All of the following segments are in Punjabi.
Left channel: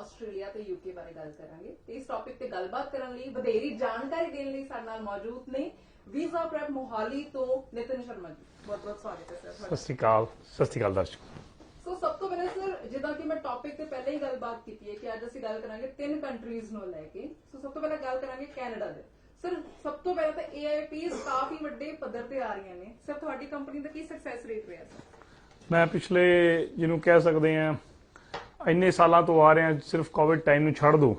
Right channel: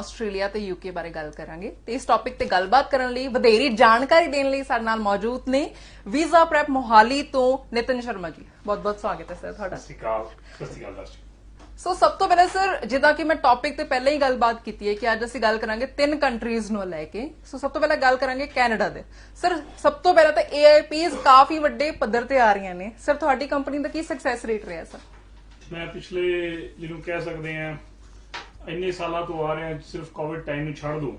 ਆਸਟ੍ਰੇਲੀਆ ਤੇ ਯੂਕੇ ਬਾਰੇ ਗੱਲ ਕਰਾਂਗੇ ਤੇ ਇਸ ਟੌਪਿਕ ਤੇ ਗੱਲਬਾਤ ਕਰਨ ਲਈ ਵਧੇਰੀ ਜਾਣਕਾਰੀ ਦੇਣ ਲਈ ਸਾਡੇ ਨਾਲ ਮੌਜੂਦ ਨੇ ਵੀਜ਼ਾ ਪ੍ਰੈਪ ਮੋਹਾਲੀ ਤੋਂ ਨਿਤਿਨ ਸ਼ਰਮਾ ਜੀ। ਬਹੁਤ-ਬਹੁਤ ਸਵਾਗਤ ਹੈ ਸਰ ਤੁਹਾਡਾ। ਸਤਿ ਸ਼੍ਰੀ ਅਕਾਲ ਦਰਸ਼ਕ। ਸੋ ਸਭ ਤੋਂ ਪਹਿਲਾਂ ਸਰ, ਜਿੱਦਾਂ ਕਿ ਮੈਂ ਟੌਪਿਕ ਤੇ ਪਹਿਲਾਂ ਹੀ ਗੱਲਬਾਤ ਕੀਤੀ ਹੈ ਕਿ ਅੱਜ ਅਸੀਂ ਗੱਲ ਕਰਾਂਗੇ 3 ਕੰਟਰੀਜ਼ ਨੂੰ ਲੈ ਕੇ। ਸੋ ਸਭ ਤੋਂ ਪਹਿਲਾਂ ਗੱਲ ਕਰਾਂਗੇ ਕੈਨੇਡਾ ਦੇ। ਸਰ ਸਭ ਤੋਂ ਪਹਿਲਾਂ ਤਾਂ AIPs ਕਾਫੀ ਵੱਡੇ ਪੱਧਰ ਤੇ ਆ ਰਹੀਆਂ ਨੇ। ਸਰ ਤੁਹਾਡੀ ਕੰਪਨੀ ਦਾ ਕੀ ਸਕਸੈਸ ਰੇਟ ਰਿਹਾ ਸਰ? ਮੈਂ ਪਿਛਲੇ ਜਿਹਨੂੰ ਕਹਿ ਸਕਦੇ ਆ ਇੰਨੇ ਸਾਲਾਂ ਤੋਂ ਆ ਰਿਹਾ, ਸਿਰਫ ਕੋਵਿਡ ਟਾਈਮ ਨੂੰ ਛੱਡ ਦੋ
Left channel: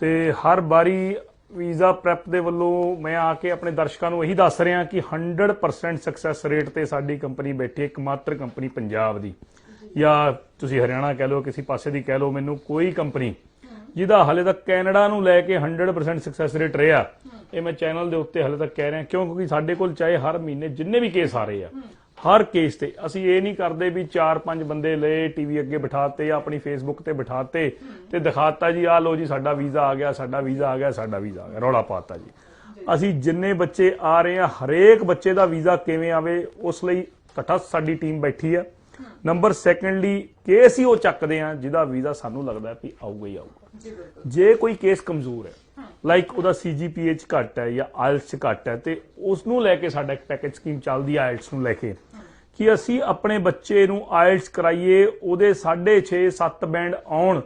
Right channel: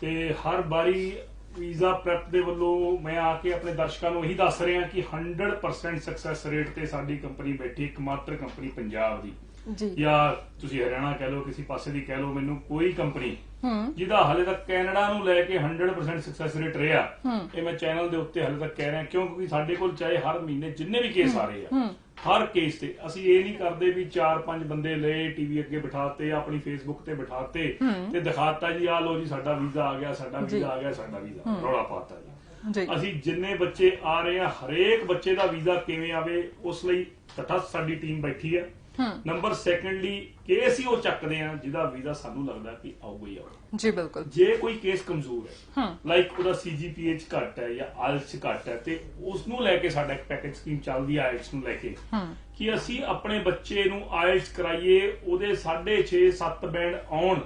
ਤੇ ਹਰ ਵਾਰੀ ਵੀਜ਼ਾ ਪ੍ਰੈਪ ਦੇ ਵੱਲੋਂ ਮੈਂ ਆ ਕੇ ਆਪਣੇ ਦਰਸ਼ਕਾਂ ਨੂੰ ਇਹੀ ਦੱਸ ਰਿਹਾ ਕਿ 100% ਸਕਸੈਸ ਰੇਟ ਤੇ ਸਾਡੀ ਕੰਪਨੀ ਬੈਠੀ, ਇੱਕਮਾਤਰ ਕੰਪਨੀ ਪੰਜਾਬ ਦੀ ਜਾਂ ਤੁਸੀਂ ਹਰਿਆਣਾ ਕਹਿ ਲਓ, ਕਿਸੇ ਪਾਸੇ ਦੀ ਕਹਿ ਲਓ, ਮੈਨੂੰ ਕੋਈ ਕੰਪਨੀ ਜਿਹਦਾ ਹਲੇ ਤੱਕ ਕੈਨੇਡਾ ਨੂੰ ਲੈ ਕੇ 100% ਸਕਸੈਸ ਰੇਟ ਰਿਹਾ, ਇਹ ਮੈਂ ਚੈਨਲ ਦੇ ਉੱਤੇ ਹਲੇ ਤੱਕ ਕਹਿ ਰਿਹਾ। ਕਿਉਂਕਿ ਸਾਡੇ ਕੋਲ ਚਾਹੇ ਹਰ ਮਹੀਨੇ ਜਿੰਨੇ ਵੀ ਕੇਸ ਆ ਰਹੇ ਆ, ਹਰ ਕੇਸ ਤੇ ਅਸੀਂ ਇਹ ਨਹੀਂ ਕਰਦੇ ਵੀ 4-5 ਬੰਦੇ ਲਏ, ਟੀਵੀ ਅੱਗੇ ਬਿਠਾਤੇ ਜਾਂ ਆਪਣੀ ਫੇਸਬੁੱਕ ਤੇ ਬਿਠਾਤੇ ਤੇ ਦਿਖਾਤਾ ਜੀ ਆਹ ਲੋ ਜੀ ਸਾਡਾ ਵੀਜ਼ਾ ਆ ਗਿਆ, ਸਾਡਾ ਵੀਜ਼ਾ ਆ ਗਿਆ, ਸਾਡਾ ਵੀਜ਼ਾ ਆ ਗਿਆ, ਰੌਲਾ ਪਾਤਾ ਜੀ। ਅਸੀਂ ਜਿੰਨੇ ਬੱਚੇ ਆ ਰਹੇ ਆ, ਹਰੇਕ ਬੱਚੇ ਦਾ ਵੀਜ਼ਾ ਕਿਵੇਂ ਆਵੇ ਉਸ ਲਈ ਤਟਸਥ ਸਾਡੀ ਟੀਮ ਬੈਠੀ ਆ। ਨੰਬਰ ਸੈਕੰਡਲੀ ਕੇਸ ਹੀ ਉਹ ਚੱਕਦੇ ਆ ਜਿਹਦਾ ਵੀਜ਼ਾ ਸਾਨੂੰ ਲੱਗਦਾ ਕਿ ਆਊਗਾ ਹੀ ਆਊਗਾ ਜੀ। ਬਿਲਕੁਲ। ਜੇ ਕੋਈ ਕੇਸ ਕਮਜ਼ੋਰ ਹੈ, ਲਾਈਕ ਉਹਦਾ CGPA ਘੱਟ ਹੈ ਜਾਂ IELTS ਘੱਟ ਹੈ, ਤੇ ਉਸ ਨੂੰ ਲੈ ਕੇ ਸਾਡਾ ਇੱਕ ਪੈਕੇਜ ਸਕੀਮ ਚੱਲਦੀ ਹੈ IELTS ਨੂੰ ਲੈ ਕੇ ਕਿ ਅਸੀਂ ਆਪਣੇ ਬੱਚੇ ਨੂੰ IELTS ਕਰਾਈਏ, ਉਹਦੇ 6.5-7 ਬੈਂਡ ਆਉਣ,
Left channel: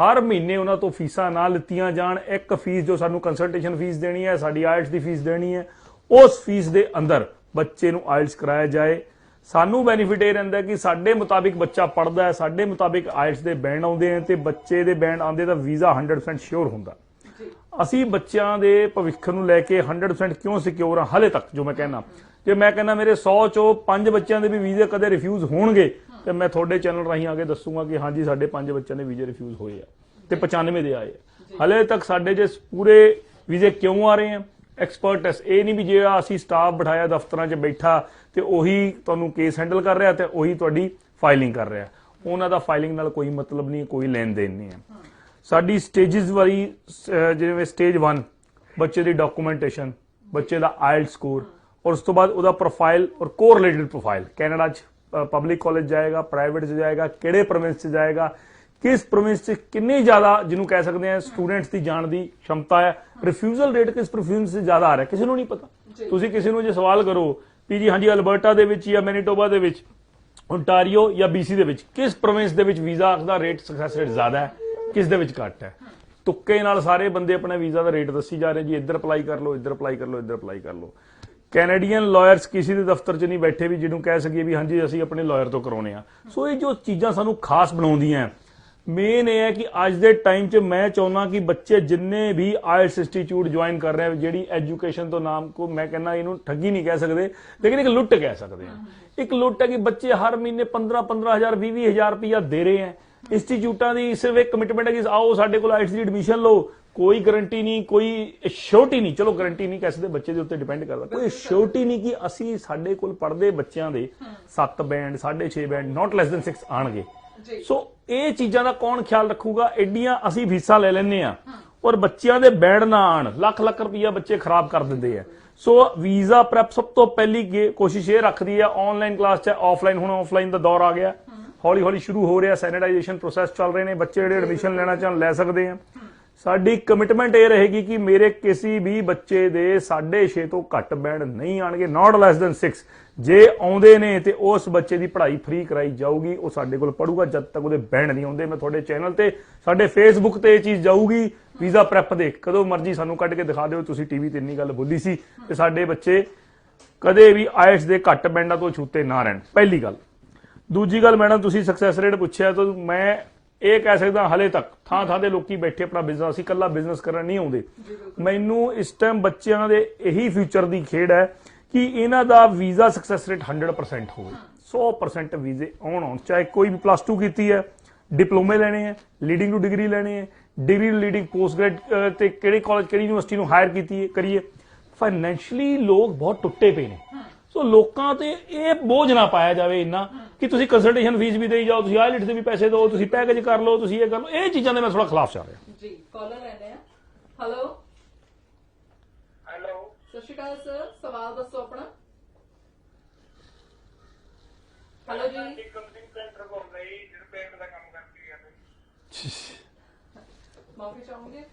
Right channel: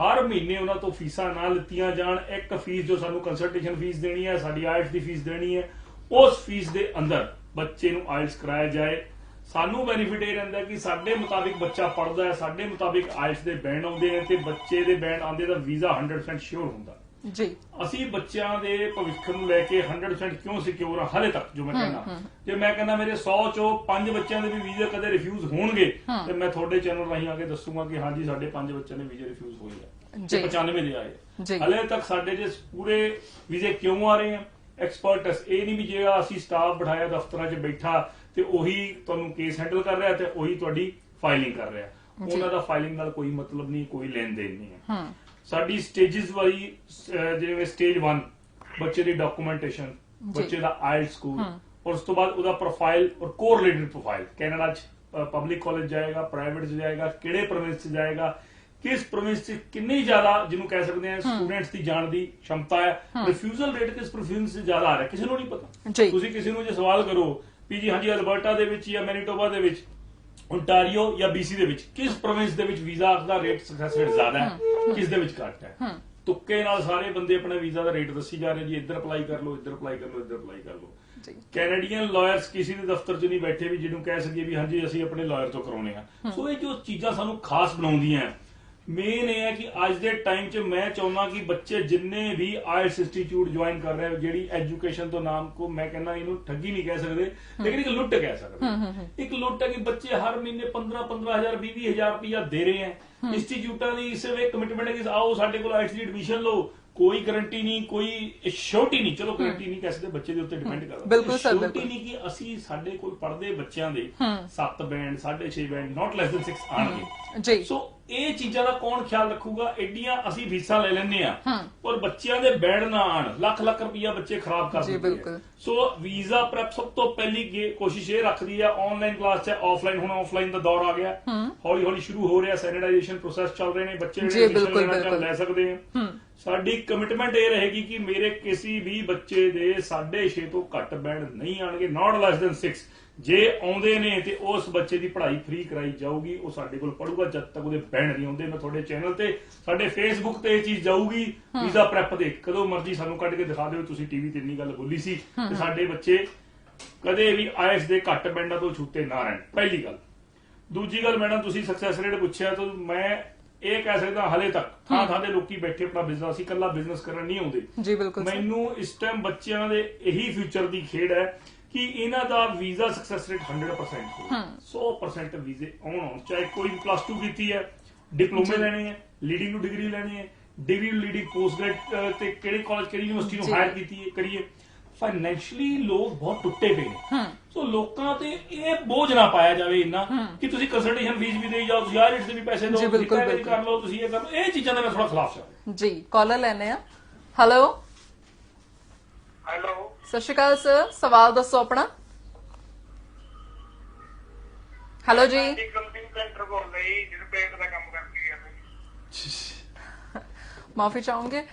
ਹਰ ਮਹੀਨੇ ਉਹਨਾਂ ਤੋਂ ਫੀਸਾਂ ਨਾ ਲਿੱਤੀਆਂ ਜਾਣ। ਇੱਕ ਫੀਸ ਜੋ ਸਾਨੂੰ ਕੰਸਲਟੇਸ਼ਨ ਫੀਸ ਦੇਣੀ ਹੈ, ਸਾਡੀ IELTS ਦੀ ਫੀਸ ਦੇਣੀ ਹੈ, ਉਸ ਫੀਸ ਦੇ ਅੰਦਰ ਬੱਚੇ ਨੂੰ IELTS ਕਰਾਇਆ ਜਾਏ। ਸਾਨੂੰ ਬੈਨੀਫਿਟ ਇਹ ਰਹਿੰਦਾ ਕਿ ਸਾਡੇ ਮੁਤਾਬਿਕ ਬੱਚਾ ਪੜ੍ਹਦਾ ਹੈ, ਸਾਡੇ ਮੁਤਾਬਿਕ IELTS ਦੇ ਬੈਂਡ ਆਉਂਦੇ ਨੇ ਤੇ ਬੱਚੇ ਦੇ ਬੈਂਡ ਆਉਂਦੇ ਤਾਂ ਵੀਜ਼ਾ 100% ਸ਼ੋਰ ਹੁੰਦਾ ਜੀ। ਅਸੀਂ ਬੱਚਿਆਂ ਦੇ ਭਵਿੱਖ ਨੂੰ ਲੈ ਕੇ 100% ਕਿਉਂ ਸਿਕਿਉਰ ਹਾਂ ਹਲੇ ਤੱਕ। ਜੋ ਮੈਂ ਕਹਿਣਾ ਕਿ ਮੈਂ ਕਹਿੰਦਾ ਮੇਰੇ 100 ਚੋਂ 5 ਬੱਚਿਆਂ ਦੇ ਵੀ ਵੀਜ਼ੇ ਕਦੇ ਰਿਫਿਊਜ਼ ਹੋਣਗੇ ਤੇ ਮੈਂ ਤੁਹਾਡੇ ਚੈਨਲ ਰਾਹੀਂ ਆ ਕੇ ਦੱਸੂਗਾ ਕਿ ਹਾਂਜੀ ਸਾਡੇ 5 ਬੱਚਿਆਂ ਦੇ ਵੀਜ਼ੇ ਰਿਫਿਊਜ਼ ਹੋਏ ਆ ਤੇ 95 ਦੇ ਆਏ। ਹਲੇ ਤੱਕ ਸਾਡੇ ਜੇ ਪੂਰੇ ਵੀਜ਼ੇ ਕਿਉਂ ਆ ਰਹੇ ਆ? ਐਕਸਪਰਟਸ। ਇਹ ਨਹੀਂ ਵੀ ਜਿਹੜਾ ਅਸੀਂ ਸਟਾਫ ਬਿਠਾਇਆ ਦਫ਼ਤਰਾਂ 'ਚ ਬੈਠਾ ਤੇ ਉਹੀ ਤੁਹਾਨੂੰ ਕੇਸ ਹੈਂਡਲ ਕਰ ਰਿਹਾ ਤੇ ਉਹੀ ਤੁਹਾਡੀ ਫਾਈਲਿੰਗ ਕਰ ਰਿਹਾ। ਉਹਨਾਂ ਦਾ ਫਾਈਲਿੰਗ ਨਾਲ ਕੋਈ ਮਤਲਬ ਨਹੀਂ, ਕੋਈ ਲੈਣ ਦੇਣ ਨਹੀਂ ਹੈ। ਸਾਡੀ ਸਟੇਜਸ ਵਾਲੀ, ਜਿਵੇਂ ਸਟੇਜ 1 ਬੱਚੇ ਦੀ ਡਾਕੂਮੈਂਟੇਸ਼ਨ, ਬੱਚੇ ਦਾ IELTS ਸਕੋਰ, ਔਰ ਉਸ ਤੋਂ ਬਾਅਦ ਉਹਦਾ ਪ੍ਰੋਫਾਈਲ ਔਰ ਕੋਰਿਲੇਟਡ ਪ੍ਰੋਫਾਈਲ। ਕੈਨੇਡਾ 'ਚ ਪਬਲਿਕ ਕਾਲਜ ਜਾਏਗਾ, ਪ੍ਰਾਈਵੇਟ 'ਚ ਜਾਏਗਾ, ਕਿਹੜੇ ਪ੍ਰੋਵਿੰਸ 'ਚ ਜਾਏਗਾ, ਕਿਸ ਪ੍ਰੋਵਿੰਸ 'ਚ ਕਿੰਨੀ ਜ਼ਿਆਦਾ ਜਿਹਨੂੰ ਕਹਿ ਸਕਦੇ ਆ ਸਟੂਡੈਂਟਸ ਦੀ ਜਾਣ ਦੀ ਸ਼ਮਤਾ ਹੈ, ਰਿਫਿਊਜ਼ਲ ਰੇਟ ਕਿਸ ਪ੍ਰੋਵਿੰਸ 'ਚ ਜ਼ਿਆਦਾ ਆ ਰਿਹਾ ਕਿਸੇ ਨੂੰ ਨਹੀਂ ਪਤਾ। ਤੁਸੀਂ ਕਿਸੇ ਨੂੰ ਜੇ ਸਵਾਲ ਕਰੋ ਵੀ ਜੀ ਹਾਂਜੀ ਅਲਬਰਟਾ ਦੇ ਵਿੱਚ ਜਾਂ ਮੈਨੀਟੋਬਾ ਦੇ ਵਿੱਚ, ਓਨਟਾਰੀਓ ਜਾਂ BC ਦੇ ਵਿੱਚ ਕਿਸ ਪ੍ਰੋਵਿੰਸ ਦੇ ਵਿੱਚ ਵੀਜ਼ਾ ਦਾ ਰੇਟ ਸਕਸੈਸ ਰੇਟ ਜ਼ਿਆਦਾ ਹੈ, ਕਿਸ ਦੇ ਵਿੱਚ ਘੱਟ ਹੈ। ਤੁੱਕੇ ਨਾਲ ਸਾਰੇ ਬੰਦੇ ਆਪਣਾ ਵੀਜ਼ਾ ਦਾ ਰੇਟ ਦੱਸੀ ਜਾ ਰਹੇ ਜੀ, ਇੱਧਰ ਅਪਲਾਈ ਕਰ ਲਓ, ਇੱਧਰ ਅਪਲਾਈ ਕਰ ਲਓ, ਇੱਧਰ ਅਪਲਾਈ ਕਰ ਲਓ। ਕੈਨੇਡੀਅਨ ਲਾਇਰਸ ਕਿਸੇ ਦੇ ਦਫ਼ਤਰ 'ਚ ਨਹੀਂ ਬੈਠੇ ਵੀ ਜਿਹਨੂੰ ਕਹਿ ਸਕੀਏ ਵੀ ਹਾਂਜੀ ਅਸੀਂ ਆਪਣੇ ਲਾਇਰ ਤੋਂ ਕਰਾਉਣੇ ਆ। ਸੋ ਇਹ ਜੋ ਚੀਜ਼ਾਂ ਸਾਨੂੰ ਖਾਸ ਬਣਾਉਂਦੀਆਂ, ਮੇਨ ਇਹ ਹੈ ਕਿ ਅੱਜ ਦੇ ਟਾਈਮ 'ਚ ਮੈਂ ਚਾਹੁੰਦਾ ਕਿ ਬੱਚੇ ਜਿੰਨੇ ਵੀ IELTS ਇੰਸਟੀਚਿਊਟ ਜੁਆਇਨ ਕਰ ਰਹੇ, ਜਿਹੜੀ ਐਜੂਕੇਸ਼ਨ ਤੋਂ ਨਾਮ ਕੋ ਮੈਂ ਕਹਿੰਦਾ ਇਹਨੂੰ ਠੱਗੀ ਨਹੀਂ ਕਹਿ ਸਕਦੇ ਲੇਕਿਨ ਇੱਕ ਲੁੱਟ ਕਹਿ ਸਕਦੇ। ਇੱਕ ਲੁੱਟ ਹੈ ਕਿ ਬੱਚੇ ਹਰ ਮਹੀਨੇ 15,000 20,000 ਰੁਪਇਆ ਦੇ ਰਹੇ ਹੈ। ਇੰਸਟੀਚਿਊਟਾਂ ਦੀ ਸਿਰਫ ਇੱਕ ਕਮਿਟਮੈਂਟ ਹੈ ਕਿ ਆਓ ਸਾਡੇ ਕੋਲ IELTS ਦੀ ਐਡਮਿਸ਼ਨ ਲਓ, ਕੋਈ ਗਾਰੰਟੀ ਨਹੀਂ, ਕੋਈ ਸ਼ੋਰਟੀ ਨਹੀਂ। ਚਲੋ ਗਾਰੰਟੀ ਨਹੀਂ ਕਹਿ ਸਕਦੇ, ਬੱਚੇ ਦੇ ਉੱਤੇ ਡਿਪੈਂਡ ਕਰਦਾ, ਕੋਈ ਸ਼ੋਰਟੀ ਨਹੀਂ ਕਿ ਅਸੀਂ ਸਾਡੇ ਕੋਲ ਪੜ੍ਹਦੇ ਬੱਚਿਆਂ ਦੇ 7 ਬੈਂਡ 6.5 ਬੈਂਡ ਨਾਟ ਲੈਸ ਦੈਨ 6 ਆਣਗੇ। ਸੋ ਇਹ ਚੀਜ਼ਾਂ ਦਾ ਕੌਣ ਖਿਆਲ ਰੱਖੂਗਾ? ਐਡੀਆਂ ਅਸੀਂ ਫੀਸਾਂ ਲੈ ਲੈਂਦੇ ਆ ਪਰ ਬੱਚਿਆਂ ਦੇ ਬੈਂਡ ਨਾ ਆਣ, ਲੱਖ ਰੁਪਈਆ ਬੱਚੇ ਖਰਾਬ ਕਰ ਦਿੰਦੇ ਆ। ਸੋ ਵੀਜ਼ਾ ਪ੍ਰੈਪ ਸਭ ਤੋਂ ਪਹਿਲੀ ਕੋਸ਼ਿਸ਼ ਇਹ ਰੱਖਦੀ ਆ, ਆਨਲਾਈਨ ਕਲਾਸ ਚ ਆਫਲਾਈਨ, ਹੁਣ ਆਫਲਾਈਨ ਦਾ ਦੌਰ ਆ ਗਿਆ, ਹੌਲੀ ਹੌਲੀ ਸ਼ੁਰੂ ਹੋ ਰਿਹਾ, ਸੈਨੀਟਾਈਜੇਸ਼ਨ ਪ੍ਰੋਸੈਸ ਚੱਲ ਰਹੇ ਨੇ, ਬੱਚੇ ਜਿਹੜੇ ਐਡਮਿਸ਼ਨ ਲੈਣਾ ਚਾਹਣ ਲੈ ਸਕਦੇ ਆ। ਸਾਡੀ ਕਮਿਟਮੈਂਟ ਇਹ ਰਹੇਗੀ ਕਿ ਮੇਰੇ ਕਿਸੇ ਵੀ ਬੱਚੇ ਦੇ 6.5 ਤੋਂ ਘੱਟ ਬੈਂਡ ਨਹੀਂ ਆਣਗੇ, ਨਾਟ ਲੈਸ ਦੈਨ 6। ਜੇ ਆਉਂਦੇ ਨੇ ਤੇ ਉਸ ਬੱਚੇ ਦੀ ਪੜ੍ਹਾਈ ਫ੍ਰੀ ਕਰਾਈ ਜਾਊਗੀ, ਉਹ ਸਾਡੇ ਕੋਲ ਪੜੂਗਾ ਜਦ ਤੱਕ ਉਹਦੇ ਬੈਂਡ ਨਹੀਂ ਆਉਂਦੇ। ਮੈਂ ਤੁਹਾਡੇ ਚੈਨਲ ਤੇ, ਸਾਡੇ ਫੇਸਬੁੱਕ ਤੇ ਇਹ ਚੀਜ਼ ਜਾਊਗੀ ਵੀਜ਼ਾ ਪ੍ਰੈਪ ਦੇ, ਕਦੋਂ ਮਰਜ਼ੀ ਸਾਨੂੰ ਕੱਢ ਕੇ ਦਿਖਾ ਦਿਓ ਤੁਸੀਂ ਟੀਵੀ ਤੇ ਇੰਨੀ ਗੱਲ ਬੋਲੀ ਸੀ ਤੇ ਸਾਡੇ ਬੱਚੇ ਕਦੇ ਵੀ IELTS ਦੇ ਘੱਟ ਬੈਂਡਾਂ ਤੋਂ ਛੂਤੇ ਨਾ ਰਹਿਣ। ਪਹਿਲੀ ਗੱਲ। ਦੂਜੀ ਗੱਲ, ਮੈਡਮ ਤੁਸੀਂ ਸਕਸੈਸ ਰੇਟ ਪੁੱਛਿਆ ਤਾਂ ਮੈਂ ਇਹ ਕਹਿ ਸਕਦਾ ਹਲੇ ਤੱਕ ਥਾਂ ਦੇ ਲੋਕੀ ਬੈਠੇ ਆਪਣਾ ਬਿਜ਼ਨਸ, ਅਸੀਂ ਇਕੱਲਾ ਬਿਜ਼ਨਸ ਕਰਨ ਨਹੀਂ ਆਉਂਦੇ। ਮੈਨੂੰ ਇਸ ਟਾਈਮ ਬੱਚਿਆਂ ਦੇ ਇਹੀ ਫਿਊਚਰ ਦੀ ਖੇਡ ਹੈ ਕਿ ਇਹਨਾਂ ਦਾ ਵੀਜ਼ਾ ਸਕਸੈਸ ਰੇਟ 100% ਹੋਵੇ, 100% ਵੀਜ਼ੇ ਆਉਣ, ਚਾਹੇ ਕੋਈ ਵੀ +2 ਕੀਤੀ ਹੈ, ਡਿਪਲੋਮੇ ਲੈਣੇ ਹੈ, ਲੀਡਿੰਗ ਟੂ ਡਿਗਰੀ ਲੈਣੇ ਹੈ, ਡਿਗਰੀ ਲੀਡਿੰਗ ਪੋਸਟ ਗ੍ਰੈਡ ਤੇ ਕਿਹੜੇ ਕਾਲਜ ਕਿਹੜੀ ਯੂਨੀਵਰਸਿਟੀ ਨੂੰ ਹਾਇਰ ਕੀਤੀ ਕਰੀਏ। ਫਾਈਨੈਂਸ਼ਲੀ ਲੋਕ ਬਹੁਤ ਟੁੱਟੇ ਪਏ ਨੇ। ਸੋ ਲੋਕਾਂ ਤੇ ਇਹ ਬੋਝ ਨਾ ਪਾਇਆ ਜਾਵੇ ਇੰਨਾ ਕਿ ਤੁਸੀਂ ਕੰਸਲਟੇਸ਼ਨ ਫੀਸ ਵੀ ਦੇਈ ਜਾਓ, ਤੁਸੀਂ IELTS ਦੇ ਵੀ ਪੈਸੇ ਦਿਓ, ਤੁਸੀਂ ਪੈਕੇਜ ਕਰ ਲਓ, ਤੁਸੀਂ ਇਹ ਕਰ ਲਓ। ਇਹ ਚੀਜ਼ਾਂ ਦੇ ਮੈਂ ਥੋੜਾ ਖਿਲਾਫ ਚੱਲ ਰਿਹਾ ਜੀ। ਕਾਲਰ ਲੈਣੇ ਆ। ਹੈਲੋ ਹੈਲੋ, ਸਤਿ ਸ਼੍ਰੀ ਅਕਾਲ ਸਰ, ਸਵਾਲ ਦੱਸੋ ਆਪਣਾ। ਹੈਲੋ ਜੀ। ਕੰਪਨੀ ਸੈਂਟਰ ਬੋਲ ਰਹੀ ਜਿਹਦੇ ਪੇਟ ਦਾ ਕੰਮ ਕਰਦੀ ਹੈ। ਮਾਫੀ ਚਾਹੂੰਗੇ।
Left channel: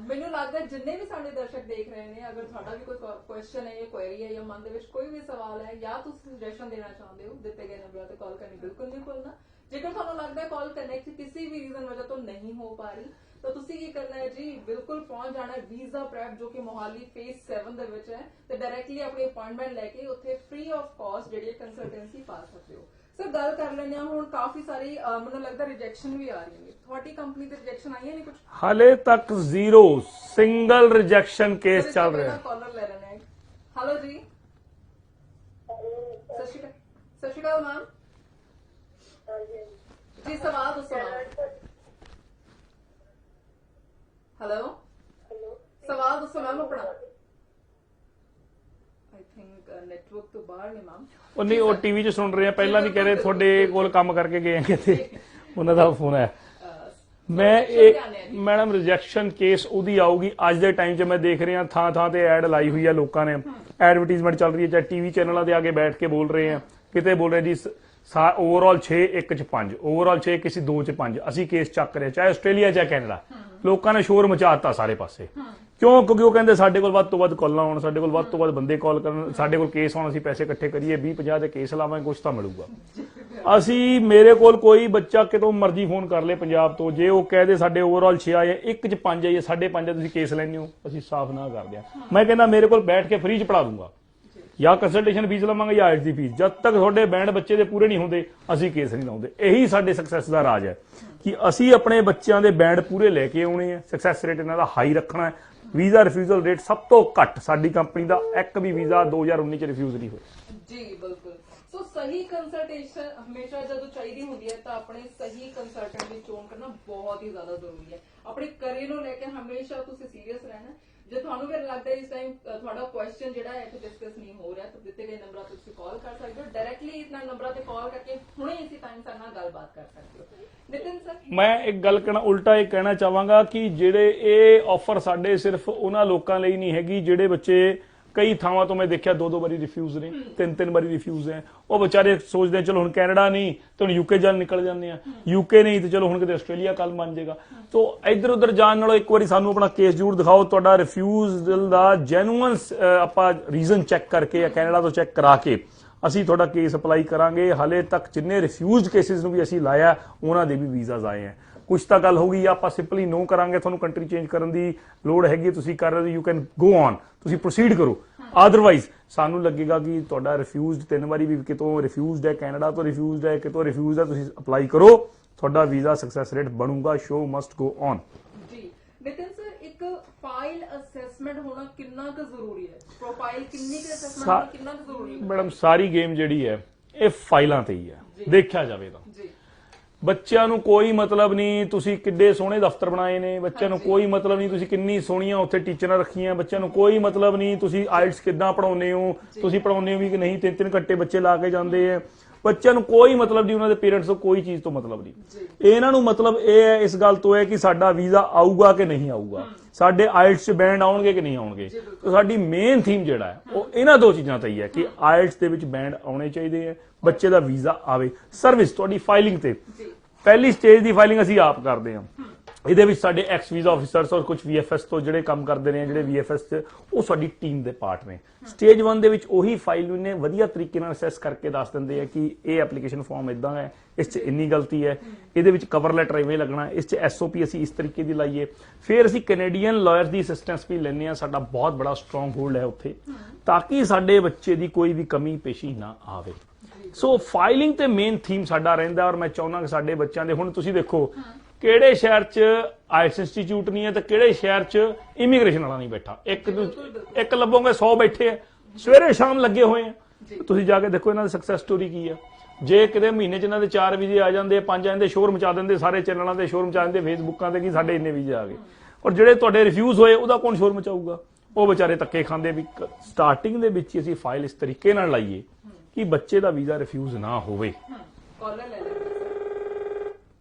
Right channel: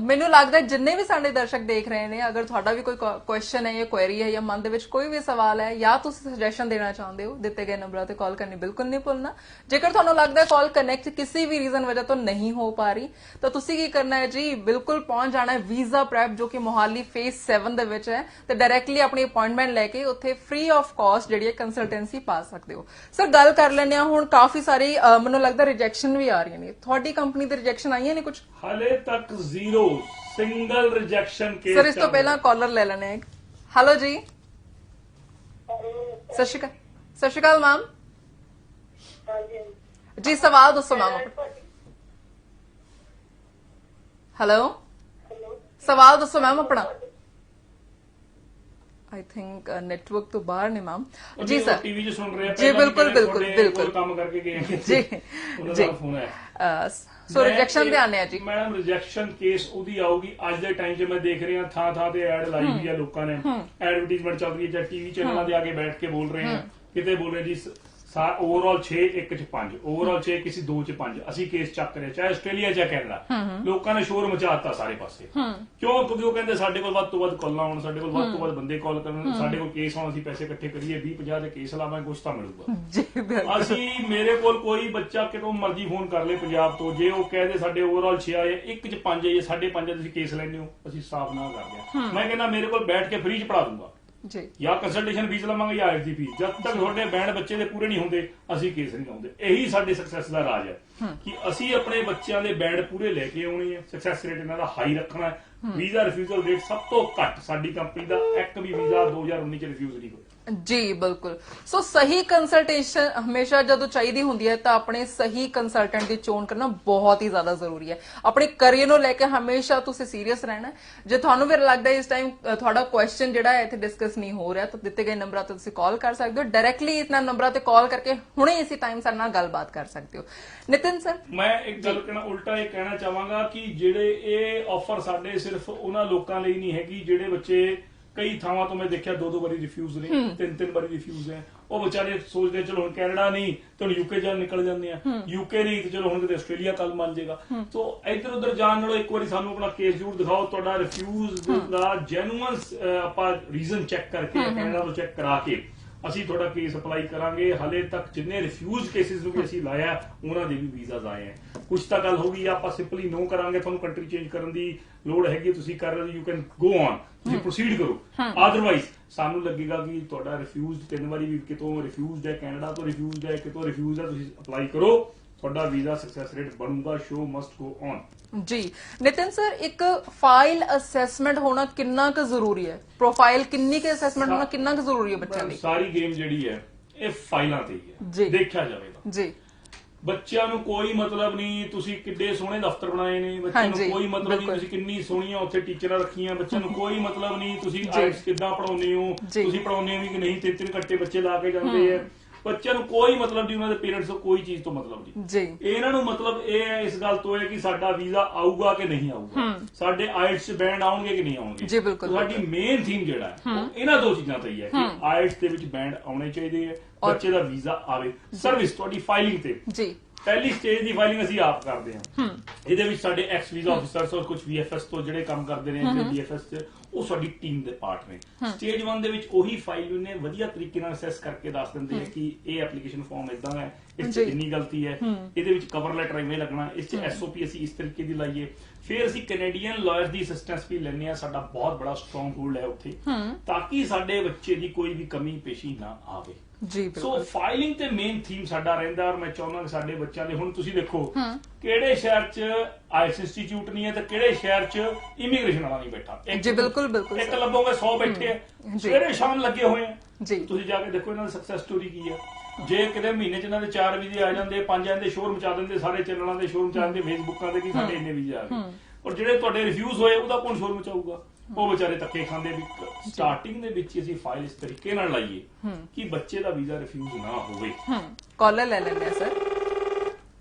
ਮੈਨੂੰ ਲੱਗਦਾ ਹੈ ਜਿੰਨੇ ਵੀ ਸਾਡੇ ਦਰਸ਼ਕ ਦੇਖ ਰਹੇ ਨੇ, ਅਗਰ ਤੁਹਾਡਾ ਵੀ ਕੋਈ ਕੁਐਸਚਨ ਹੈ ਜਾਂ ਕੁਐਰੀ ਹੈ ਜਾਂ ਮਨ ਦੇ ਵਿੱਚ ਕੋਈ ਵੀ ਸਵਾਲ ਹੈ ਜਾਂ ਤੁਸੀਂ ਸੁਜੈਸ਼ਨ ਦੇਣਾ ਚਾਹੁੰਦੇ ਹੋ, ਦਿੱਤੇ ਗਏ ਨੰਬਰਾਂ ਤੇ ਕਾਲ ਕਰਨੀ ਬਿਲਕੁਲ ਨਹੀਂ ਭੁੱਲਣਾ। ਜੇਕਰ ਤੁਹਾਨੂੰ ਲੱਗਦਾ ਹੈ ਕਾਲ ਕਨੈਕਟ ਕਿਸੇ ਵੀ ਰੀਜ਼ਨ ਵਜ੍ਹਾ ਤੋਂ ਨਹੀਂ ਹੋ ਪਾ ਰਹੀ, ਤਾਂ ਤੁਸੀਂ ਕੀ ਕਰਨਾ ਹੈ ਜੀ, ਬਿਲਕੁਲ ਪਹੁੰਚ ਜਾਣਾ ਹੈ ਵੀਜ਼ਾ ਪ੍ਰੈਪ ਜੋ ਕਿ ਮੋਹਾਲੀ ਫੇਸ 7 ਦੇ ਵਿੱਚ ਹੈ, ਤੇ ਡਾਇਰੈਕਟਲੀ ਆਪਣੀ ਅਪਾਇੰਟਮੈਂਟ ਲੈ ਕੇ ਉੱਥੇ ਫ੍ਰੀ ਆਫ ਕਾਸਟ ਜਿਹੜੀ ਹੈ ਕੰਸਲਟੈਂਸੀ ਪਾ ਸਕਦੇ ਹੋ। ਸਰ ਗੱਲ ਕਰ ਲੈਂਦੇ ਹਾਂ ਹੁਣ, ਕਾਫੀ ਸਾਰੀ ਮੈਨੂੰ ਲੱਗਦਾ ਰਿਜੈਕਸ਼ਨ ਵੀ ਆ ਰਹੀਆਂ ਨੇ, ਤੁਹਾਡੀ ਕੰਪਨੀ ਦੇ ਰਿਜੈਕਸ਼ਨ ਆਈਆਂ ਨੇ ਕੁਝ? ਹਾਲੇ ਤੱਕ zero single rejection case sir ਇਸ ਤੋਂ ਪਹਿਲਾਂ ਕਾਲਰ ਲੈ ਲੈਣੇ ਆ। ਹੈਲੋ ਜੀ, ਸਤਿ ਸ਼੍ਰੀ ਅਕਾਲ। ਸਤਿ ਸ਼੍ਰੀ ਅਕਾਲ ਮੈਮ ਜੀ, ਸਵਾਲ ਦੱਸੋ ਮੈਮ। ਹੈਲੋ, ਸਵਾਲ ਦੱਸੋ ਮੈਮ ਆਪਣਾ। ਆਈ ਥਿੰਕ ਨੈਟਵਰਕ ਤੋਂ ਬਾਹਰ ਨੇ ਮੈਮ ਜੀ। ਉਹ ਟੀਵੀ 'ਚ ਸੁਣ ਰਹੇ ਆ, ਪਹਿਲਾਂ ਵੀ ਕਹਿੰਦੇ ਤੁਹਾਡੇ ਕੋਲ ਕੰਮ ਕਰਕੇ ਗਏ ਜੀ, ਉਹਨਾਂ ਦਾ ਫੋਨ ਹੈ। ਸੋ ਰਿਜੈਕਸ਼ਨ ਤੇ ਆਨੇ ਆ ਜੀ ਮੈਡਮ। ਰਿਜੈਕਸ਼ਨ ਕੇਸ ਉਹਦੀ ਆਊਗੀ ਅੱਜ ਦੇ ਟਾਈਮ 'ਚ। ਮੈਂ ਦੇਖ ਰਿਹਾ ਥਾਂ ਥਾਂ ਤੇ ਐਡ ਲਾਈ ਹੋਈ ਆ ਲੋਕਾਂ ਨੇ, ਐਡਵਰਟੀਜ਼ਮੈਂਟ ਚੱਲ ਰਹੀ ਹੈ, ਚਾਹੇ ਟੀਵੀ ਚੈਨਲਾਂ ਤੇ ਆ ਕੇ ਬੈਠ ਕੇ ਬੋਲ ਰਹੇ ਆ, ਕਿਤੇ ਬੋਲ ਰਹੇ ਜੀ ਓਵਰਆਲ 6 1 ਚ 5, ਓਵਰਆਲ 6 ਕਿਸੇ 2 ਚ 5 ਅਸੀਂ ਕੇਸ ਚੱਕ ਰਹੇ, ਚਾਹੇ ਆਸਟ੍ਰੇਲੀਆ ਚਾਹੇ ਕੈਨੇਡਾ। ਲੋਕਾਂ ਨੇ ਸ਼ੋਰ ਮਚਾਤਾ ਸਾਰੇ ਪਾਸੇ। ਕਿਉਂ? ਕਿਉਂਕਿ ਉਹ ਕਹਿੰਦੇ ਸਾਡੇ ਕੋਲ ਵੱਧ ਤੋਂ ਵੱਧ ਕਾਲਾਂ ਆਉਣ, ਸਾਡੇ ਕੋਲ ਵੱਧ ਤੋਂ ਵੱਧ ਬੰਦੇ ਕਾਲ ਕਰਨ, ਸਾਡੇ ਕੋਲ ਕੇਸ ਆਉਣ, ਅਸੀਂ ਪੈਸੇ ਇਕੱਠੇ ਕਰੀਏ, 20 50 ਦੇ ਕੇਸ ਲਾਵਾਂਗੇ, ਕੁਝ ਤਾਂ ਮਿਲੂਗਾ। ਅਸੀਂ ਮੇਰੇ ਕੋਲ ਕੋਈ ਬੱਚਾ ਕਿਤੋਂ ਮਰਜ਼ੀ ਫੋਨ ਕਰ ਲੇ ਪੰਜਾਬ ਤੋਂ, ਜੇ ਉਹ ਕਹਦੇ ਸਾਡੇ ਓਵਰਆਲ 6 ਆਏ, 1 ਚ 5 ਆਏ, 5.5 ਤੁਸੀਂ ਕੇਸ ਲੈਣੇ ਹੋ, ਅਸੀਂ ਸਾਫ਼ ਨਾ ਕਰ ਦਿਆ। ਮੈਂ ਕਹਿੰਦਾ ਮੇਰੇ ਕੋਲ ਬੈਠ ਕੇ ਫ੍ਰੀ ਚ ਪੜਾ ਦੂੰਗਾ ਜੀ, ਜਾਂ ਕੰਸਲਟੇਸ਼ਨ ਫੀਸ ਲਵਾਂਗੇ ਜਾਂ ਆਈਐਲਟੀ ਫੀਸ। ਜਦ ਤੱਕ ਤੁਹਾਡੇ ਬੈਂਡ ਬੱਚੇ ਦੇ ਪੂਰੇ ਨਹੀਂ ਹੁੰਦੇ ਅਸੀਂ ਕੇਸ ਨਹੀਂ ਲਾਉਂਦੇ। ਇਹੀ ਸਾਡੇ ਸਕਸੈਸ ਦਾ ਰਾਜ ਹੈ ਕਿ ਅਸੀਂ ਆਪਣੇ ਬੱਚਿਆਂ ਦੇ ਬੈਂਡ ਪੂਰੇ ਲੈ ਕੇ ਆਉਣੇ ਆ, ਸਕਸੈਸ ਰੇਟ ਇਹਨਾਂ ਦਾ ਹਾਈ ਰੱਖਣਾ ਹੈ। ਵੀਜ਼ਾ ਰਿਫਿਊਜ਼ਲ ਰੇਟ ਸਭ ਤੋਂ ਘੱਟ ਸਾਡੀ ਕੰਪਨੀ ਦਾ, ਇੱਕ ਵੀ ਵੀਜ਼ਾ 2019 ਚ ਰਿਫਿਊਜ਼ ਨਹੀਂ ਹੋਇਆ ਜੀ। ਬਿਲਕੁਲ। ਸੋ ਸਹੀ ਕੰਸਲਟੇਸ਼ਨ ਹਮੇਸ਼ਾ ਜਦੋਂ ਚਾਹੀਦੀ ਹੁੰਦੀ ਹੈ ਤਾਂ ਆਪਣੇ ਸਹੀ ਕੰਸਲਟੈਂਟ ਦੀ ਚੋਣ ਕਰਨਾ ਬਹੁਤ ਹੀ ਜ਼ਿਆਦਾ ਜ਼ਰੂਰੀ ਹੈ। ਆਪਣੇ ਕਰੀਅਰ ਨੂੰ ਲੈ ਕੇ ਹਮੇਸ਼ਾ ਤੁਸੀਂ ਸੀਰੀਅਸ ਰਹਿਣਾ। ਜੇ ਤੁਹਾਨੂੰ ਵੀ ਲੱਗਦਾ ਇਸ ਟਾਈਮ ਤੁਹਾਡਾ ਕੁਐਸਚਨ ਜਿਹੜਾ ਹੈ ਇੱਥੇ ਡਿਸਕਸ ਨਹੀਂ ਹੋ ਰਿਹਾ, ਤਾਂ ਦਿੱਤੇ ਗਏ ਨੰਬਰਾਂ ਤੇ ਤੁਸੀਂ ਕਾਲ ਕਰ ਸਕਦੇ ਹੋ। ਡਾਇਰੈਕਟਲੀ ਇਹਨਾਂ ਨੰਬਰਾਂ ਤੇ ਕਾਲ ਕਰਕੇ ਹੁਣੇ ਇਸੇ ਟਾਈਮ ਸਾਡੇ ਨਾਲ ਗੱਲਬਾਤ ਕਰ ਸਕਦੇ ਹੋ। ਨਿਤਿਨ ਸਰ, ਮੈਂ ਇੱਕ ਗੱਲ ਕਹਿਣਾ, ਉਲਟਾ ਇਹ ਕਹਿਣਾ ਚਾਹਾਂਗਾ ਕਿ ਜਿਹੜੇ ਇਹ ਆਫਰ ਸਾਡੇ ਸਿਰਫ ਉਹਨਾਂ ਲੋਕਾਂ ਲਈ ਨਹੀਂ ਹੈਗੀ ਜਿਹੜੇ ਬੱਚੇ, ਕਈ ਥਾਵਾਂ ਤੋਂ ਮੈਂ ਦੇਖਿਆ 2 ਵਾਰੀ ਰਿਫਿਊਜ਼ ਨੇ, 3 ਵਾਰੀ ਰਿਫਿਊਜ਼ ਹੈ। ਉਹ ਵਿਚਾਰੇ ਸੋਚਦੇ ਚਲੋ ਹੁਣ ਕੈਨੇਡਾ ਨਹੀਂ ਤੇ ਹੁਣ ਯੂਕੇ ਜਾਣ ਨਿਕਲ ਜਾਂਦੇ ਆ, ਯੂਕੇ ਨਹੀਂ ਤੇ ਚਲੋ ਹੁਣ ਕਿਤੇ ਆਸਟ੍ਰੇਲੀਆ ਕੱਲ ਬਣ ਜਾਏਗਾ। ਤੋਂ ਇੱਧਰ ਉੱਧਰ ਜਾਣ ਨਾਲੋਂ ਇੱਕ ਵਾਰੀ ਸਾਨੂੰ ਆਪਣਾ ਕੇਸ ਜ਼ਰੂਰ ਦਿਖਾਓ, ਤੁਹਾਡਾ ਰਿਫਿਊਜ਼ ਦਾ ਜੈਨੂਅਨ ਆਪਾਂ ਰੀਜ਼ਨ ਚੈੱਕ ਕਰਕੇ ਜਾਂ ਕੈਨੇਡਾ ਤੋਂ ਚੈੱਕ ਕਰਾ ਕੇ ਅਸੀਂ ਤੁਹਾਡਾ ਕੇਸ ਅਪਲਾਈ ਕਰਾਂਗੇ। ਹਾਲੇ ਤੱਕ ਜਿੰਨੇ ਰਿਫਿਊਜ਼ਡ ਕੇਸਿਸ ਨੂੰ ਵੀ ਅਸੀਂ ਲਾਇਆ ਉਹਨਾਂ ਦੇ ਵੀ ਵੀਜ਼ਾਜ਼ ਆਏ ਆ। ਕੁਝ ਤਾਂ ਗੱਲ ਹੋਗੀ, ਆਪਾਂ ਸਿੰਪਲੀ ਨੋ ਕਰਾਂਗੇ, ਤੁਹਾਨੂੰ ਕੰਟਰੀ ਚੇਂਜ ਕਰਨ ਦੀ ਲੋੜ ਹੈਗੀ, ਤੁਸੀਂ ਕਰ ਰਹੇ ਹੋ, ਯੂ ਕੈਨ ਗੋ ਔਨ, ਤੁਸੀਂ ਪ੍ਰੋਸੀਡ ਕਰੋ। ਅਦਰਵਾਈਜ਼ ਸਾਨੂੰ ਲੱਗੇਗਾ ਕਿ ਤੁਹਾਡਾ ਰਿਫਿਊਜ਼ਡ 3 ਵਾਰੀ ਵੀ ਕਿਤੋਂ ਰਿਫਿਊਜ਼ਡ ਹੈ, ਕੈਨੇਡਾ ਤੋਂ ਰਿਫਿਊਜ਼ਡ ਹੈ, ਕਿਤੋਂ ਰਿਫਿਊਜ਼ਡ ਹੈ, ਤੁਸੀਂ ਅਪਲਾਈ ਕਰੋ, ਤੁਹਾਡਾ ਵੀਜ਼ਾ ਸਕਸੈਸ ਰੇਟ ਬਣੂਗਾ। ਸ਼ੋ ਮਸਟ ਗੋ ਔਨ ਜੀ। ਨਿਤਿਨ ਸਰ, ਇੱਕ ਫਾਈਲ ਅਸੈਸਮੈਂਟ ਹੋਣਾ ਕਿੰਨਾ ਕੁ ਜ਼ਰੂਰੀ ਹੈ? ਪ੍ਰੋਫਾਈਲ ਕਿੰਨੀ ਕੁ ਅਸੈਸਮੈਂਟ ਹੋਣਾ ਕਿੰਨਾ ਕੁ ਜ਼ਰੂਰੀ ਹੈ ਬੱਚਿਆਂ ਲਈ? ਸਾਰੀ ਗੇਮ ਜਿਹੜੀ ਹੈ ਇਹ ਫਾਈਲਾਂ ਤੇ ਹੀ ਹੈ, ਦੇਖਿਆ ਜਾਵੇ ਤਾਂ ਜੀ। ਬੱਚਿਆਂ ਨੂੰ ਕੋਈ ਮਤਲਬ ਨਹੀਂ ਤੁਸੀਂ ਕਿੱਡੇ ਸੋਹਣੇ ਦਫ਼ਤਰ ਬਣਾਏ ਨੇ, ਬੱਚਿਆਂ ਨੂੰ ਕੋਈ ਮਤਲਬ ਨਹੀਂ ਤੁਸੀਂ ਕਿੰਨੀ ਸੋਹਣੀਆਂ ਉੱਥੇ ਟੀਚਰਾਂ ਰੱਖੀਆਂ, ਬੱਚਿਆਂ ਨੂੰ ਕੋਈ ਮਤਲਬ ਨਹੀਂ ਤੁਸੀਂ ਆਇਲਟਸ ਕਿੱਦਾਂ ਪੜਾਉਂਦੇ ਹੋ, ਤੁਸੀਂ ਪੜਾਉਂਦੇ ਹੋ ਵੀ ਕਿ ਨਹੀਂ, 3-3 ਘੰਟੇ ਬੱਚੇ ਲਾ ਕੇ ਜਾਂਦੇ ਆ। ਬੱਚਿਆਂ ਨੂੰ ਕੋਈ ਮਤਲਬ ਨਹੀਂ, ਉਹਨਾਂ ਦੇ ਪੇਰੈਂਟਸ ਨੂੰ ਕੋਈ ਚੀਜ਼ ਤੋਂ ਮਤਲਬ ਨਹੀਂ ਜੀ। ਇਹਨਾਂ ਨੂੰ ਮਤਲਬ ਇਹ ਹੈ, ਇਸ ਗੱਲ ਤੋਂ ਹੈ ਕਿ ਸਾਡਾ ਵੀਜ਼ਾ ਆਊਗਾ ਕਿ ਨਹੀਂ ਆਊਗਾ, ਸਾਡੇ ਆਇਲਟਸ 'ਚ ਬੈਂਡ ਆਉਣਗੇ ਕਿ ਨਹੀਂ ਆਉਣਗੇ। ਸਾਡੀ ਮੇਨ ਥੀਮ ਜਿਹੜਾ ਹੈ ਉਹ ਇਹਨਾਂ 2 ਚੀਜ਼ਾਂ ਤੇ ਹੀ ਹੈ ਕਿ ਆਇਲਟਸ ਦੇ ਵਿੱਚ ਬੈਂਡ ਆਉਣੇ ਚਾਹੀਦੇ ਹੈ, ਬੱਚੇ ਦਾ ਵੀਜ਼ਾ ਆਵੇ। ਸਰਵਿਸ ਤੁਹਾਡੀ ਫਾਈਲਿੰਗ ਤੇ ਜੀ, ਪਹਿਲੀ ਸਟੇਜ ਦੀ ਫਾਈਲਿੰਗ ਅਸੀਂ ਆਪ ਕਰਦੇ ਹਾਂ। ਇਹਦੇ ਵਿੱਚ ਸਾਡੇ ਐਕਸ ਵੀਜ਼ਾ ਆਫੀਸਰਸ ਔਰ ਕੁਝ VFS ਤੋਂ ਜਿਹੜੇ ਕੰਮ ਕਰਦੇ ਨੇ, ਜਿਹੜੇ VFS ਤੇ ਉਹ ਸਾਡੀ ਟੀਮ ਦੇ ਪਾਰਟ ਨੇ। ਸਟੇਜ 1 ਦੇ ਵਿੱਚ ਉਹੀ ਫਾਈਲ ਨੂੰ ਨੇ ਵਧੀਆ ਤਰੀਕੇ ਨਾਲ ਅਸੈਸ ਕਰਕੇ ਦੱਸ ਦਿੰਦੇ ਆ ਕਿ ਇਹ ਐਪਲੀਕੇਸ਼ਨ ਫਾਰਮ ਇਦਾਂ ਹੈ, ਇਸ 'ਚ ਇੰਨੀ ਗਲਤੀ ਹੈ, ਇਹਦੇ ਵਿੱਚ ਕਵਰ ਲੈਟਰ ਇਵੇਂ ਲੱਗਣਾ, ਇਸ 'ਚ SOP ਅਸੀਂ ਇਸ ਤਰੀਕੇ ਦੀ ਲਾਈਏ। ਫਿਰ ਅਸੀਂ ਕੈਨੇਡੀਅਨ ਲਾਇਰਸ ਦੀ ਅਸਿਸਟੈਂਸ ਵੀ ਲੈਂਦੇ ਹਾਂ, ਸਾਡਾ ਬਹੁਤ ਬੜਾ ਸਟਰੋਂਗ ਹੋਲਡ ਹੈ ਉੱਥੇ, ਤਾਂ ਕਿ ਸਾਡੇ ਬੱਚੇ ਦੀ ਕੋਈ ਵੀ ਕਮੀ ਪੇਸ਼ੀ ਨਾ ਆਵੇ। ਸੋ ਫਾਈਲਿੰਗ ਤੇ ਮੇਨ ਥੀਮ ਸਾਡਾ ਰਹਿੰਦਾ। ਔਰ ਮੈਂ ਚਾਹੁੰਦਾ ਕਿ ਸਾਡੇ ਬੱਚਿਆਂ ਦੇ, ਹੁਣ ਤੁਸੀਂ ਦੇਖੋ ਕਿਹੜੇ ਸ਼ਹਿਰ 'ਚ ਆਈਐਲਟਸ ਇੰਸਟੀਚਿਊਟ ਨਹੀਂ ਹੈ ਤੇ ਕਿਹੜੇ ਸ਼ਹਿਰ 'ਚ ਇਮੀਗ੍ਰੇਸ਼ਨ ਵਾਲਾ ਨਹੀਂ ਬੈਠਾ। ਇੱਕ ਲੱਭੋਗੇ 100 ਬੈਠੇ ਆ, ਸਵੇਰੇ ਸ਼ਾਮ ਲੱਗੇ ਹੋਏ ਆ। ਤੁਸੀਂ ਜਾ ਕੇ ਦੇਖੋ ਇਹਨਾਂ ਦੀ ਸਕਸੈਸ ਸਟੋਰੀ ਕੀ ਹੈ। ਜੇ ਕਿਤੇ ਮਹੀਨੇ 'ਚ ਇਹਨਾਂ ਦੇ 4 ਵੀਜ਼ੇ ਆ ਜਾਂਦੇ, 5 ਆ ਜਾਂਦੇ, ਸ਼ੋਰ ਮਚਾ ਦਿੰਦੇ, ਸਾਰੇ ਚੈਨਲਾਂ ਦੇ ਸ਼ੋਰ ਮਚਾ ਦਿੰਦੇ, ਫੇਸਬੁੱਕਾਂ ਦੇ ਕਿ ਸਾਡੇ ਇੰਨੇ ਵੀਜ਼ੇ ਆ ਗਏ। ਔਰ ਜਿਹੜੇ ਤੁਹਾਡੇ ਰਿਫਿਊਜ਼ ਹੋਏ ਉਹਦਾ ਕੌਣ ਸ਼ੋਰ ਮਚਾਊਗਾ? ਉਹ ਵਿਚਾਰੇ ਧੱਕੇ ਖਾਂਦੇ ਵੀ। ਸਟਾਰਟਿੰਗ ਦੇ ਵਿੱਚ ਅਸੀਂ ਫਾਈਲ ਇਸ ਤਰੀਕੇ ਨਾਲ ਲਾਈਏ ਕਿ ਬੱਚੇ ਦਾ ਵੀਜ਼ਾ ਰਿਫਿਊਜ਼ ਨਾ ਹੋਵੇ। ਕਾਲਰ ਲੈ ਲੈਂਦੇ ਆ ਸਰ,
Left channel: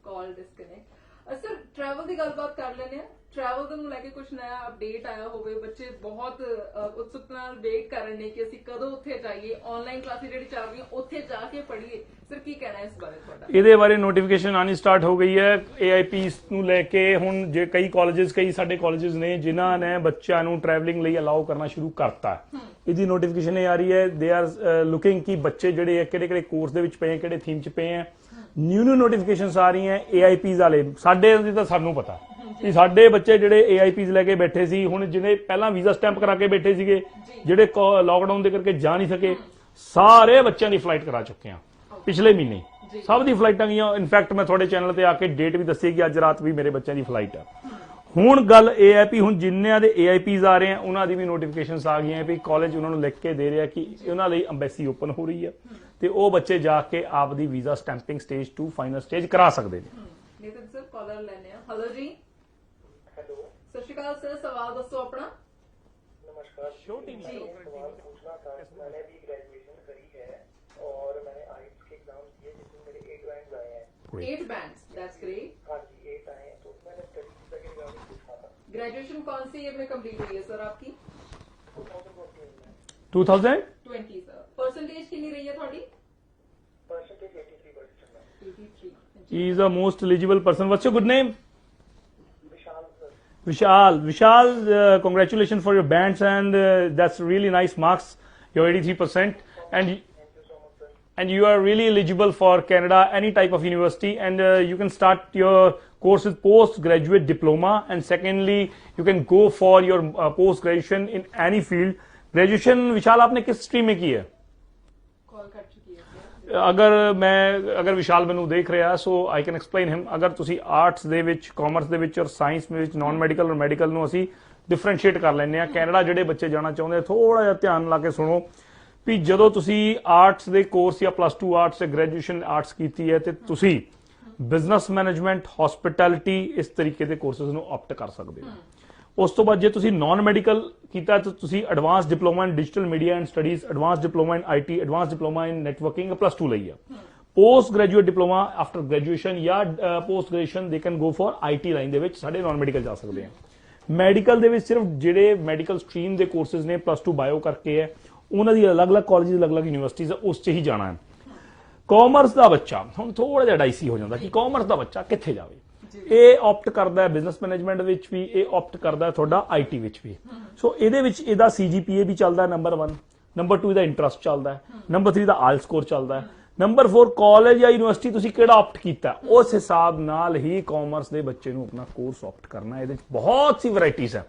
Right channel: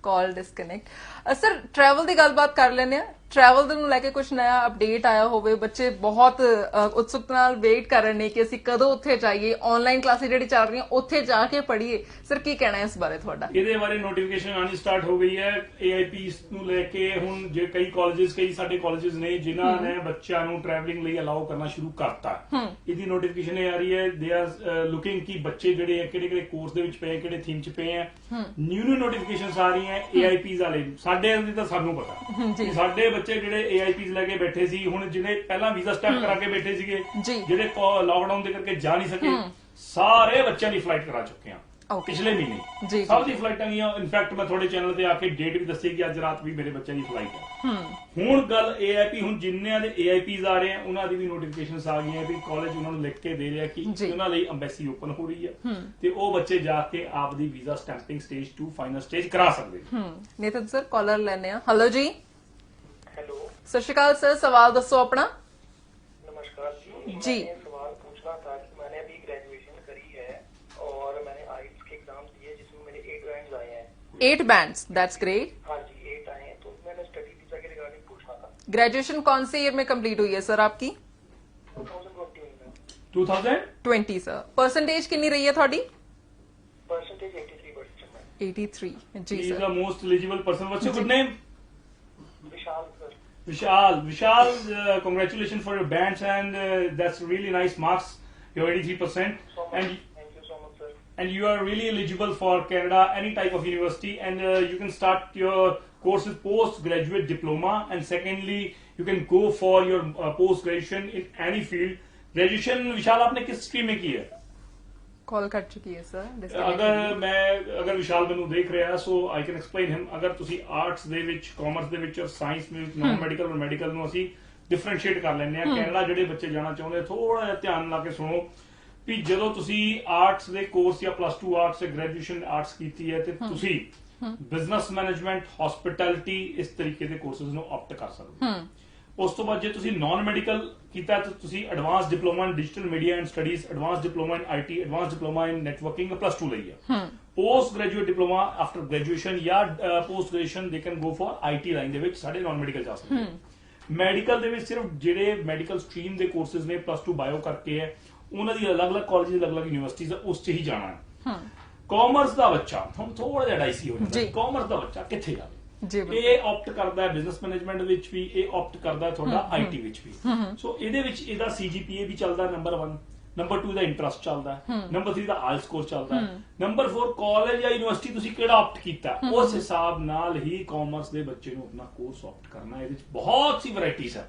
ਕਾਲ ਡਿਸਕਨੈਕਟ। ਸਰ ਟਰੈਵਲ ਦੀ ਗੱਲਬਾਤ ਕਰ ਲੈਂਦੇ ਆ। ਟਰੈਵਲ ਦੇ ਨੂੰ ਲੈ ਕੇ ਕੁਝ ਨया ਅਪਡੇਟ ਆਇਆ ਹੋਵੇ, ਬੱਚੇ ਬਹੁਤ ਉਤਸੁਕਤਾ ਨਾਲ ਵੇਟ ਕਰ ਰਹੇ ਨੇ ਕਿ ਅਸੀਂ ਕਦੋਂ ਉੱਥੇ ਜਾਈਏ, ਆਨਲਾਈਨ ਕਲਾਸਿਸ ਜਿਹੜੀ ਚੱਲ ਰਹੀਆਂ ਉੱਥੇ ਜਾ ਕੇ ਪੜ੍ਹੀਏ, ਸਰ ਕੀ ਕਹਿਣਾ ਹੈ ਇਸ ਬਾਰੇ ਤੁਹਾਡਾ? ਇਹਦੇ ਬਾਰੇ ਨੋਟੀਫਿਕੇਸ਼ਨ ਆਣੀ ਸਟਾਰਟ ਹੋ ਗਈ ਹੈ AIPs ਨੂੰ ਲੈ ਕੇ। ਹੁਣ ਜੇ ਕਈ ਸਾਡੇ ਕਾਲਜਸ ਨੇ ਜਿਨ੍ਹਾਂ ਨੇ ਬੱਚਿਆਂ ਨੂੰ ਟਰੈਵਲਿੰਗ ਲਈ ਅਲਾਉ ਕਰਨਾ ਸ਼ੁਰੂ ਕਰਤਾ, ਇਹਦੀ ਨੋਟੀਫਿਕੇਸ਼ਨ ਇਹ ਆ ਰਹੀ ਹੈ ਦੇ ਆਰ ਲੁਕਿੰਗ ਕਿ ਬੱਚੇ ਜਿਹੜੇ ਕਿਹੜੇ ਕੋਰਸ ਦੇ ਵਿੱਚ ਪਏ, ਕਿਹੜੇ ਥੀਮ 'ਚ ਪਏ ਆ। ਨਿਊ ਨੋਟੀਫਿਕੇਸ਼ਨਸ ਆ ਰਹੀਆਂ AIPs ਵਾਲੇ। ਸਾਡੇ ਤਾਂ ਸਾਨੂੰ ਪਤਾ ਕਿ ਸਾਡੇ ਬੱਚੇ ਜਿਹੜੇ AIPs ਲੈ ਕੇ ਬੈਠੇ ਸੀ, ਹੁਣ ਜਿਹਨੇ ਪਹਿਲਾਂ ਵੀਜ਼ਾ ਸਟੈਂਪ ਕਰਾ ਕੇ ਬੈਠੇ ਸੀਗੇ, ਜਿਹੜੇ ਲਾਕਡਾਊਨ ਦੇ ਕਰਕੇ ਜਾ ਨਹੀਂ ਸਕੇ, ਸਾਰੇ ਬੱਚਿਆਂ ਦੀ ਫਲਾਈਟ ਕਰਾ ਚੁੱਕੇ ਆ ਪਿਛਲੇ ਮਹੀਨੇ। ਸਭ ਦੀ ਫਲਾਈਟਾਂ ਗਈਆਂ। ਇਨਫੈਕਟ ਮੈਂ ਤੁਹਾਡੇ ਚੈਨਲ ਤੇ ਆ ਕੇ ਡੇਟ ਵੀ ਦੱਸੀ ਕਿ ਅੱਜ ਰਾਤ ਵੀ ਮੇਰੇ ਬੱਚਿਆਂ ਦੀ ਫਲਾਈਟ ਹੈ। ਹੁਣ ਗੱਲ AIP, ਹੁਣ ਜਿੰਨਿਆਂ ਦੇ AIPs ਆ ਰਹੇ ਆ ਉਹਨਾਂ ਦੀ ਵੀ ਨੋਟੀਫਿਕੇਸ਼ਨਸ ਆ ਗਈਆਂ ਵੀ ਕਾਲਜ ਉਹਨਾਂ ਨੂੰ ਲਿਖ ਕੇ ਦੇ ਰਿਹਾ ਕਿ ਉਹਨਾਂ ਲਈ ਅੰਬੈਸੀ ਓਪਨ ਹੋ ਰਹੀ ਹੈ ਤੇ ਉਹ ਬੱਚੇ ਜਾ ਕੇ ਆਪਦੀ visa stamping stage 2 final stage ਕਰਾ ਸਕਦੇ ਨੇ। ਨਿਤਨ ਸਰ ਕਾਲਰ ਲੈਣੇ ਆ। ਹੈਲੋ ਜੀ। हेलो, ਸਤਿ ਸ਼੍ਰੀ ਅਕਾਲ ਸਰ, ਸਵਾਲ ਦੱਸੋ ਆਪਣਾ। नमस्कार जी। मैंने सवाल पूछना था। मैंने अभी ग्रेजुएशन करी है और मैंने आइल्स के एग्जाम्स दिए जिसमें मेरे 8 रैंक्स आए हैं। 8 बैंड्स, दैट्स ग्रेट। हाँ जी, 8 आए हैं। तो मैंने स्टडी वीजा के रिगार्डिंग पूछना था। ग्रेजुएशन कौन से ईयर में कंप्लीट हुई है सर आपकी? 2020 में 2020 सर। परसेंटेज कितनी रही है थोड़ी? परसेंटेज 83% है। 83 he जी is sir. the most eligible person. What's your good name? Vishal sir. Vishal, congratulations for your bands and that's really nice marks. You're 83% and thank you so much sir. and you are really eligible for Canada, any type of university, and you can start your course with postgraduate diploma, and secondly you can go for your post graduation in any field. Graduation Vishal आपने किस stream में की है? कॉल कर चुकी है सर। ਅਗਰ ਵਿਸ਼ਾਲ ਮੈਨੂੰ ਦੇਖ ਰਿਹਾ ਸੋ ਆਈ ਕੈਨ ਐਕਸਪਲੇਨ ਹਿਮ। ਅਗਰ ਤੁਸੀਂ ਆਰਟਸ ਦੇ ਵਿੱਚ, ਕਾਮਰਸ ਦੇ ਵਿੱਚ ਔਰ ਸਾਇੰਸ ਦੇ ਵਿੱਚ ਨਾਨ ਮੈਡੀਕਲ ਔਰ ਮੈਡੀਕਲ ਨੂੰ ਅਸੀਂ ਡਿਫਰੈਂਸ਼ੀਏਟ ਕਰ ਲੈਂਦੇ ਆ। ਕੈਨੇਡਾ ਜਿਹੜੇ ਬੱਚੇ ਜਾਣਾ ਚਾਹੁੰਦੇ ਥੋੜਾ ਜਿਹਾ ਧਿਆਨ ਲਾ ਕੇ ਸੁਣੋ ਵੀ ਜਦੋਂ ਤੁਸੀਂ ਆਰਟਸ ਦੇ ਕੋਰਸ ਜਾਂ +2 ਆਰਟਸ ਤੇ ਗ੍ਰੈਜੂਏਸ਼ਨ ਆਰਟਸ ਕੀਤੀ ਹੈ ਤੇ ਤੁਸੀਂ ਬਿਜ਼ਨਸ ਮੈਨੇਜਮੈਂਟ, ਹਸਪਿਟੈਲਿਟੀ ਇਸ ਤਰੀਕੇ ਦੇ ਕੋਰਸਸ ਨੂੰ ਆਪਟ ਕਰ ਸਕਦੇ ਹੋ। ਉਸ ਤੋਂ ਬਾਅਦ ਜੇ ਤੁਸੀਂ ਨਾਨ ਮੈਡੀਕਲ ਕੀਤਾ ਤਾਂ ਤੁਸੀਂ advance diploma in digital media and studies, advance diploma in IT, advance diploma in networking +2 ਲਈ ਹੈ। Post graduate diploma after graduation ਜਾਂ post graduation they can go for IT line ਦੇ ਵਿੱਚ ਸਾਡੇ ਨਾਨ ਮੈਡੀਕਲ ਜਾ ਸਕਦੇ ਹੋ। ਮੈਡੀਕਲ ਦੇ ਵਿੱਚ ਸਿਰਫ ਜਿਹੜੇ ਮੈਡੀਕਲ ਸਟਰੀਮ ਦੇ ਕੋਰਸਸ ਨੇ +2 ਬਾਇਓ ਕਰਕੇ ਹੈ, ਉਹਨਾਂ ਦੀ ਅਲੱਗ-ਅਲੱਗ ਕਾਲਜ, ਅਲੱਗ-ਅਲੱਗ ਯੂਨੀਵਰਸਿਟੀਜ਼ ਉਸ 'ਚ ਹੀ ਜਾਣਾ ਹੈ। ਕਾਮਰਸ ਦਾ ਬੱਚਾ ਹੁਣ ਥੋੜਾ ਜਿਹਾ ਡਾਈਸੀ ਹੋ ਜਾਂਦਾ ਕਿ ਕਾਮਰਸ ਦਾ ਬੱਚਾ ਕਿੱਥੇ ਜਾਵੇ। ਇਹ ਆਪਟ ਕਰਦਾ ਹੈ ਬਿਜ਼ਨਸ ਮੈਨੇਜਮੈਂਟ ਵਿੱਚ ਵੀ, ਇਹ ਆਪਟ ਕਰਦਾ ਹੈ ਤੁਹਾਡਾ IT ਵਿੱਚ ਵੀ। ਸੋ ਇਹਦੇ ਵਿੱਚ ਇਹਦਾ CGPA ਵੀ ਚੱਲਦਾ ਹੈ ਨੰਬਰ 1, ਨੰਬਰ 2 ਇਹਦਾ ਇੰਟਰਸਟ ਚੱਲਦਾ ਹੈ, ਨੰਬਰ 3 ਦਾ ਆਇਲ ਸਕੋਰ ਚੱਲਦਾ ਹੈ, ਨੰਬਰ 4 ਕਾਲਜ ਜਾਂ ਯੂਨੀਵਰਸਿਟੀ ਤੁਸੀਂ ਕਿਹੜਾ ਆਪਟ ਕੀਤਾ ਉਸ ਹਿਸਾਬ ਨਾਲ ਹੀ ਕਾਮਰਸ ਦੇ ਬੱਚੇ ਨੂੰ ਆਪਣਾ ਕੋਰਸ ਆਪਟ ਕਰਨਾ ਹੈ। ਇਹਦੇ ਵਿੱਚ ਬਹੁਤ ਸੀ ਵੈਰਾਈਟੀਜ਼ ਹੈ।